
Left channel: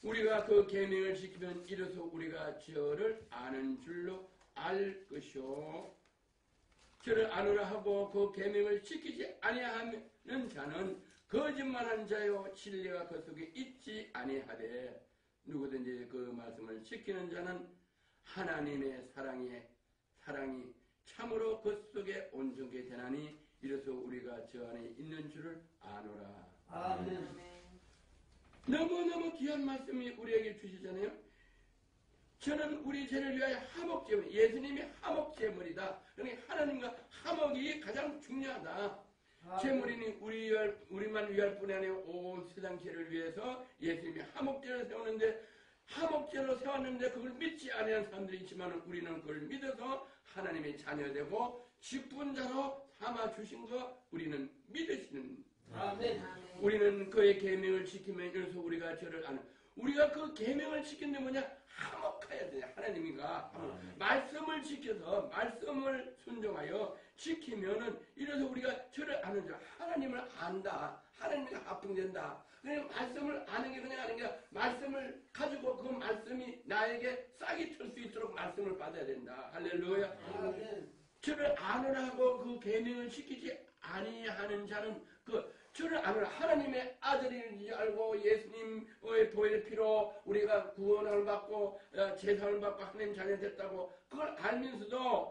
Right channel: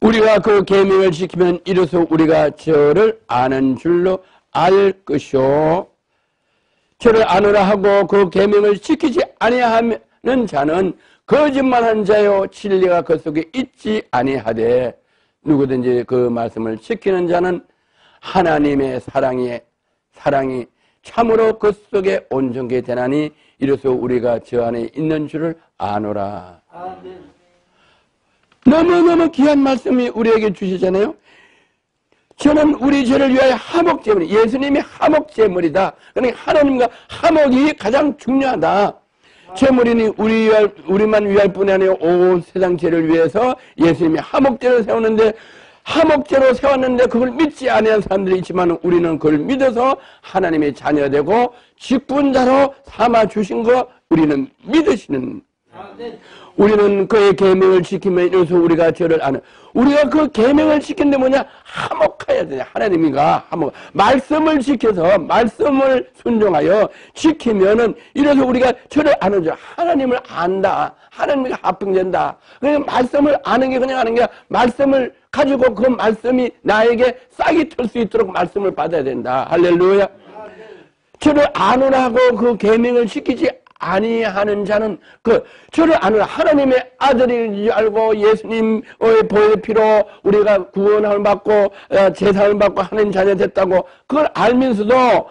우리가 그 계명을 지키면 이로써 우리가 저를 아는 줄로 알 것이요. 저를 아노라 하고 그 계명을 지키지 아니하는 자는 거짓말하는 자요 진리가 그 속에 있지 아니하되 누구든지 그 말씀을 지키는 자는 하나님의 사랑이 참으로 그 속에 온전케 되나니 이로써 우리가 저 안에 있는 줄을 아노라. 너무너무 귀한 말씀이 우리에게 주시잖아요. 저는 우리 죄를 위하여 화목제물, 예수님이 화목제물이다. 그러니까 하나님과 화목이 가장 중요하다. 제물이니 우리만 위할 뿐이 아니라 온 세상 죄를 위해서 예수님이 화목제를 세우는데 화목제로 세웠는데 그걸 믿지 아니한 사람들이 있지만 우리는 그걸 믿어서 하나님의 자녀되고 직분자로 삼아 주신 거 우리는 믿으시는. 우리는 그의 계명을 지키면 이로써 우리가 저를 아는. 우리가 그 계명을 지킨데 뭐냐? 화목해야 되냐? 하나님이가 화목. 말씀을 지켜서 말씀을 순종하여 지키면은 이래서 우리가 저를 아는 줄. 하나님을 안다. 하나님과 합병된다. 그러니까 말씀을 아는 게 그냥 아는 게 말씀을 가지고 그 말씀이 나에게 싹이 틀 수 있도록 말씀을 받아야 된다. 할렐루야. 저를 아노라고 그 계명을 지키지 아니하는 자는 저를 아는 하나님의 아들인지 알고 예수님의 보혈의 피로 우리가 구원을 받고 제사를 받고 하나님 자녀 됐다고 그걸 알면서도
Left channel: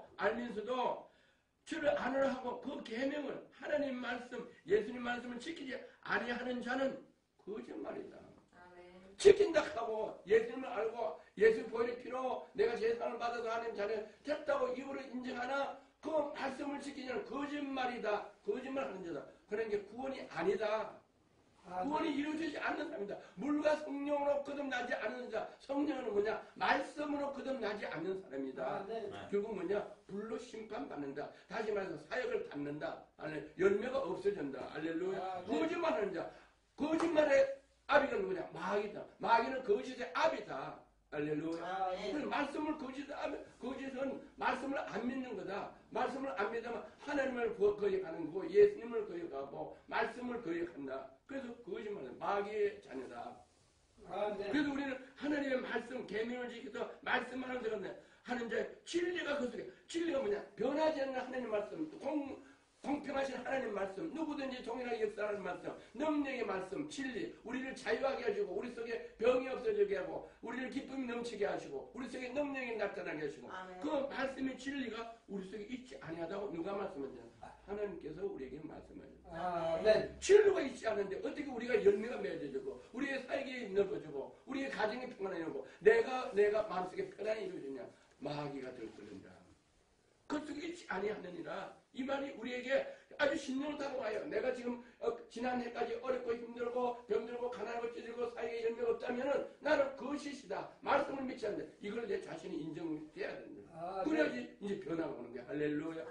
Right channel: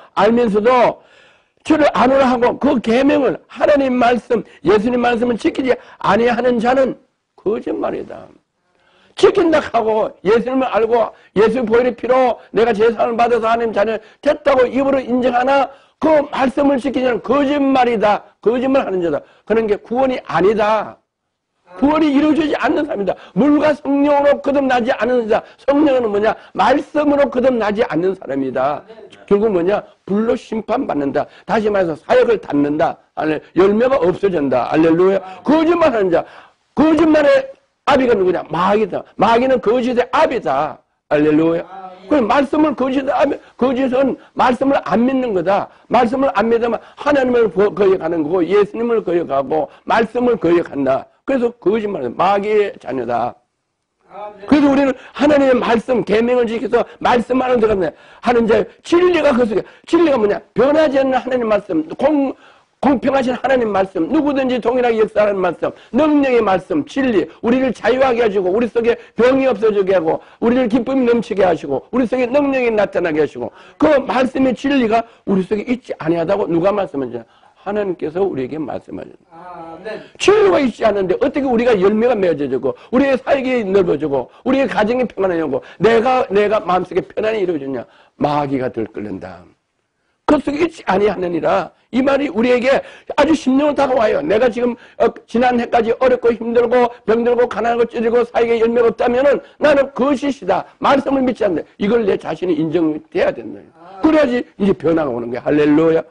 저를 아노라 하고 그 계명을 하나님 말씀 예수님 말씀을 지키지 아니하는 자는 거짓말이다. 지킨다 하고 예수님을 알고 예수의 보혈의 피로 내가 제사를 받아서 하나님 자녀 됐다고 입으로 인정하나 그 말씀을 지키냐는 거짓말이다. 거짓말하는 자다. 그런 게 구원이 아니다. 구원이 이루어지지 않는 사람이다. 물과 성령으로 거듭나지 않는 자. 성령은 뭐냐? 말씀으로 거듭나지 않는 사람이다. 결국 뭐냐? 불로 심판받는다. 다시 말해서 사역을 닫는다. 열매가 없어진다. 알렐루야. 거짓말하는 자. 거짓말의 아비가 누구냐? 마귀다. 마귀는 거짓의 아비다. 알렐루야. 그 말씀을 거짓은 말씀을 안 믿는 거다. 말씀을 안 믿으면 하나님을 거역하는 거고 예수님을 거역하고 말씀을 거역한다. 그래서 거짓말은 마귀의 자녀다. 그래서 우리는 하나님의 말씀 계명을 지켜서 말씀하는 데가 하는 자 진리가 그 속에 진리가 뭐냐? 변하지 않는 하나님 말씀 공평하신 하나님 말씀, 누구든지 동일하게 역사하는 말씀, 능력의 말씀, 진리, 우리를 자유하게 하시고 우리 속에 병이 없어지게 하고 우리를 기쁨이 넘치게 하시고 우리 속에 능력이 나타나게 하시고 그 말씀의 진리가 우리 속에 있지 아니하다고 누가 말씀하시냐? 하나님께서 우리에게 말씀하셨다. 진리가 있지 않은데 어떻게 우리가 열매가 맺어지고 우리의 사역이 넓어지고 우리의 가정이 평안해지고 내가 마음속에 편안히 이루어지냐? 마귀가 들끓는다. 그 속에 있지 아니하느니라. 이 말이 우리에게 아주 심령으로 다가와요. 내가 지금 지난 해까지 어렵고 힘들고 병들고 가난하고 찌들고 사역에 열매가 없다면은 나는 거짓이다. 말씀을 믿지 않는다. 이걸 내 자신이 인정돼야 된다. 그래야지 이제 변화가 오는 거야. 할렐루야.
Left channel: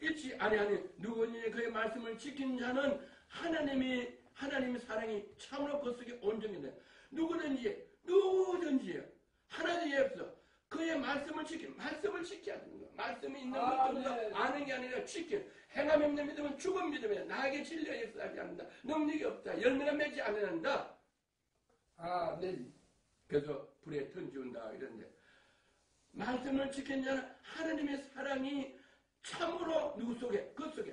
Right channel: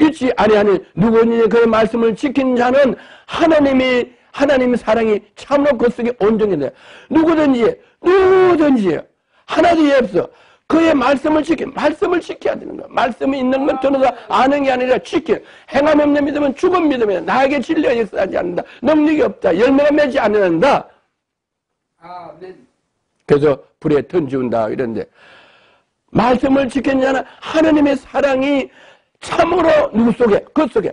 있지 아니하니 누구니 그 말씀을 지킨 자는 하나님의 사랑이 참으로 그 속에 온전히 돼. 누구든지 하나도 없어. 그의 말씀을 말씀을 지켜야 되는 거야. 말씀이 있는 건 들어서 아는 게 아니라 행함이 없는 믿음은 죽은 믿음이야. 나에게 진리가 역사하지 않는다. 능력이 없다. 열매가 맺지 않는다. 그래서 불에 던지운다 이런데, 말씀을 지키는 자는 하나님의 사랑이 참으로 누구 속에? 그 속에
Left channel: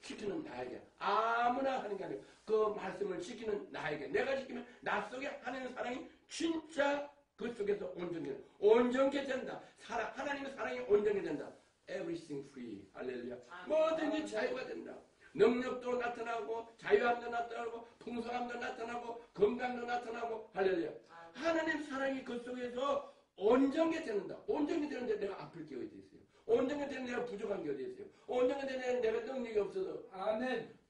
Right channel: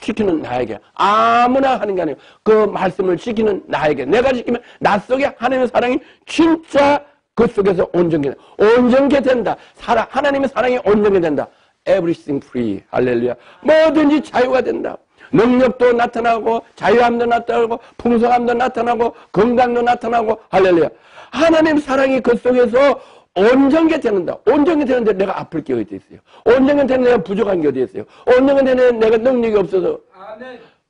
지키는 나에게, 아무나 하는 게 아니고 그 말씀을 지키는 나에게, 내가 지키면 나 속에 하나님의 사랑이 진짜 그 속에서 온전케 된다. 하나님의 사랑이 온전케 된다. Everything free. 할렐루야. 뭐든지 자유가 된다. 능력도 나타나고, 자유함도 나타나고, 풍성함도 나타나고, 건강도 나타나고, 할렐루야. 하나님 사랑이 그 속에서 온전케 되는다. 온전케 되는데 내가 아플 게 어디 있어요? 온전케 되는데 내가 부족한 게 어디 있어요? 온전케 되는데 내가 능력이 없어서,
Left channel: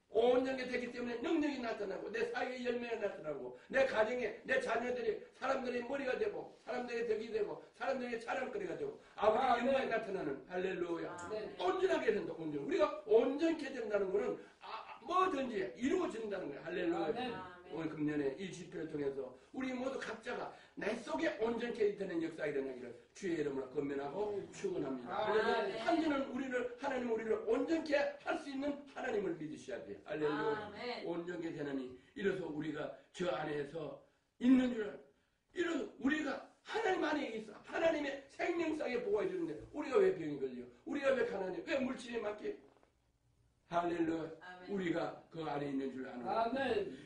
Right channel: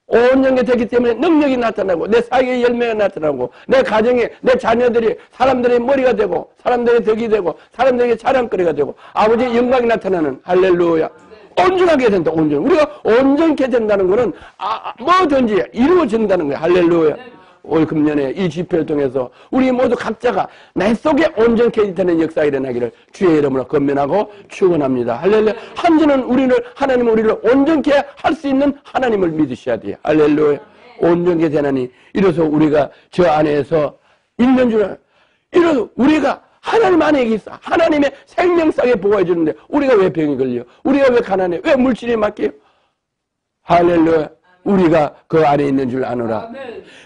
온전케 되기 때문에 능력이 나타나고, 내 사역의 열매가 나타나고, 내 가정에, 내 자녀들이 사람들의 머리가 되고, 사람들의 덕이 되고, 사람들에게 자랑거리가 되고, 아버지의 영광이 나타나는, 할렐루야. 온전하게 된다. 우리가 온전케 된다는 것은 뭐든지 이루어진다는 거야. 할렐루야. 올 금년에 이 집회를 통해서 우리 모두 각자가 내 속에 온전케 되는 역사가 일어나기를 주의 이름으로 건면하고 축원합니다. 할렐루야. 하나님은 우리를 온전케 할 수 있는 하나님을 믿으셔야 돼요. 할렐루야. 온전케 되나니 이로써 우리가 저 안에서 있는 줄, 이로써 우리가 하나님 안에 있어. 하나님의 생명상에 보호해 주는데 우리가 왜 병이 걸려? 우리가 왜 가난해? 왜 물질이 막혀요? 할렐루야. 우리가 그 안에 있는 줄 아노라.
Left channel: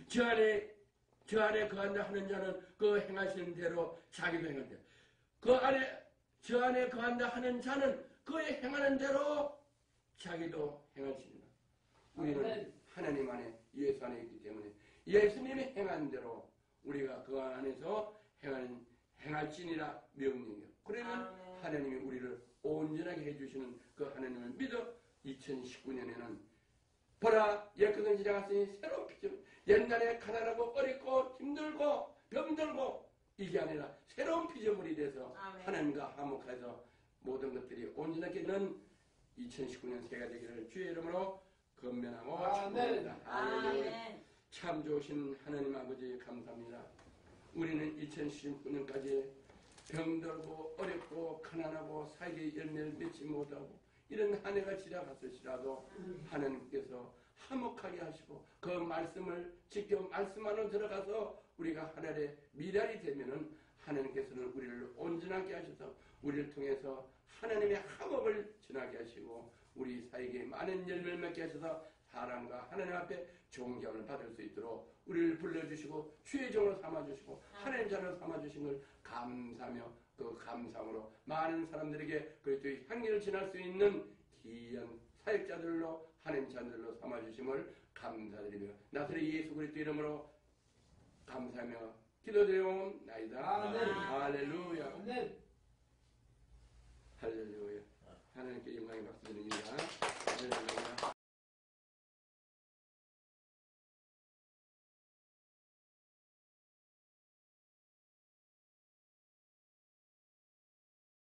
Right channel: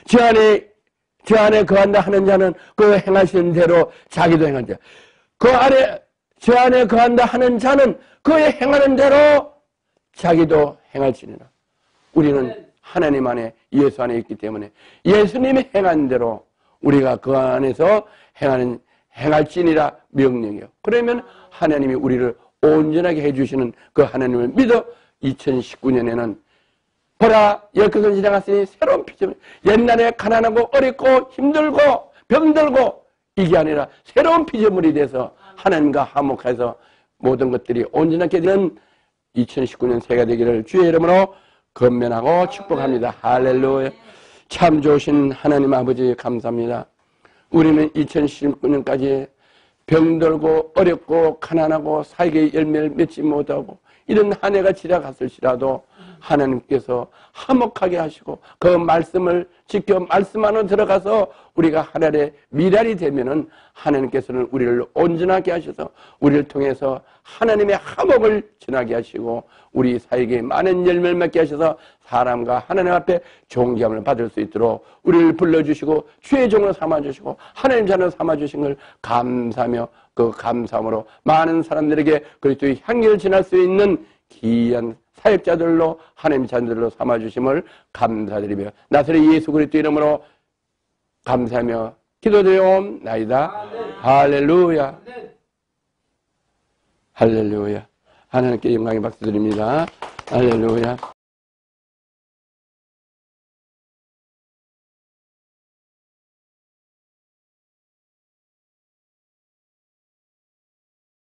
저 안에 거한다 하는 자는 그 행하시는 대로 자기도 행한다. 저 안에 거한다 하는 자는 그의 행하는 대로 자기도 행할지니라. 우리는 하나님 안에, 예수 안에 있기 때문에 예수님이 행한 대로 우리가 그 안에서 행할지니라 명령이요. 그러면 하나님이 우리를 온전하게 해주시는 그 하나님을 믿어 2019년에는 보라, 열것은 지나갔으니 새로운 피조물. 옛날에 가난하고 어렵고 힘들고 병들고 이게 아니라 새로운 피조물이 돼서 하나님과 화목해서 모든 것들이 온전하게 되는 2019년 새해가 되기를 주의 이름으로 건면하고 축복합니다. 할렐루야. 참 좋으신 하나님 아버지 감사합니다. 우리는 2019년까지 병들고 어렵고 가난하고 사역의 열매를 맺지 못하고 이런 한 해가 지나갔을지라도 하나님께서 화목하게 하시고 그 말씀을 지켜 말씀 안으로 들어가서 우리가 하늘의 미랄이 되면은 하나님께서는 우리를 온전하게 하셔서 우리를 통해서 하나님의 화목을 전하게 하시고 우리 사역에 많은 열매를 맺게 하셔서 사람과 하나님 앞에 존경을 받을 수 있도록 우리를 불러주시고 주의 종으로 삼아주시고 하나님 자녀로 삼아주신 걸 감사하며 그 감사함으로 많은 사람들에게 그리스도의 향기를 전할 수 있는 귀한 사역자들로 하나님 자녀들로 삼아주심을 감사드리며 나사렛 예수 그리스도 이름으로 감사하며 기도드리옵나이다. 할렐루야. 할렐루야. 하나님께 영광의 박수 드립니다. 할렐루야.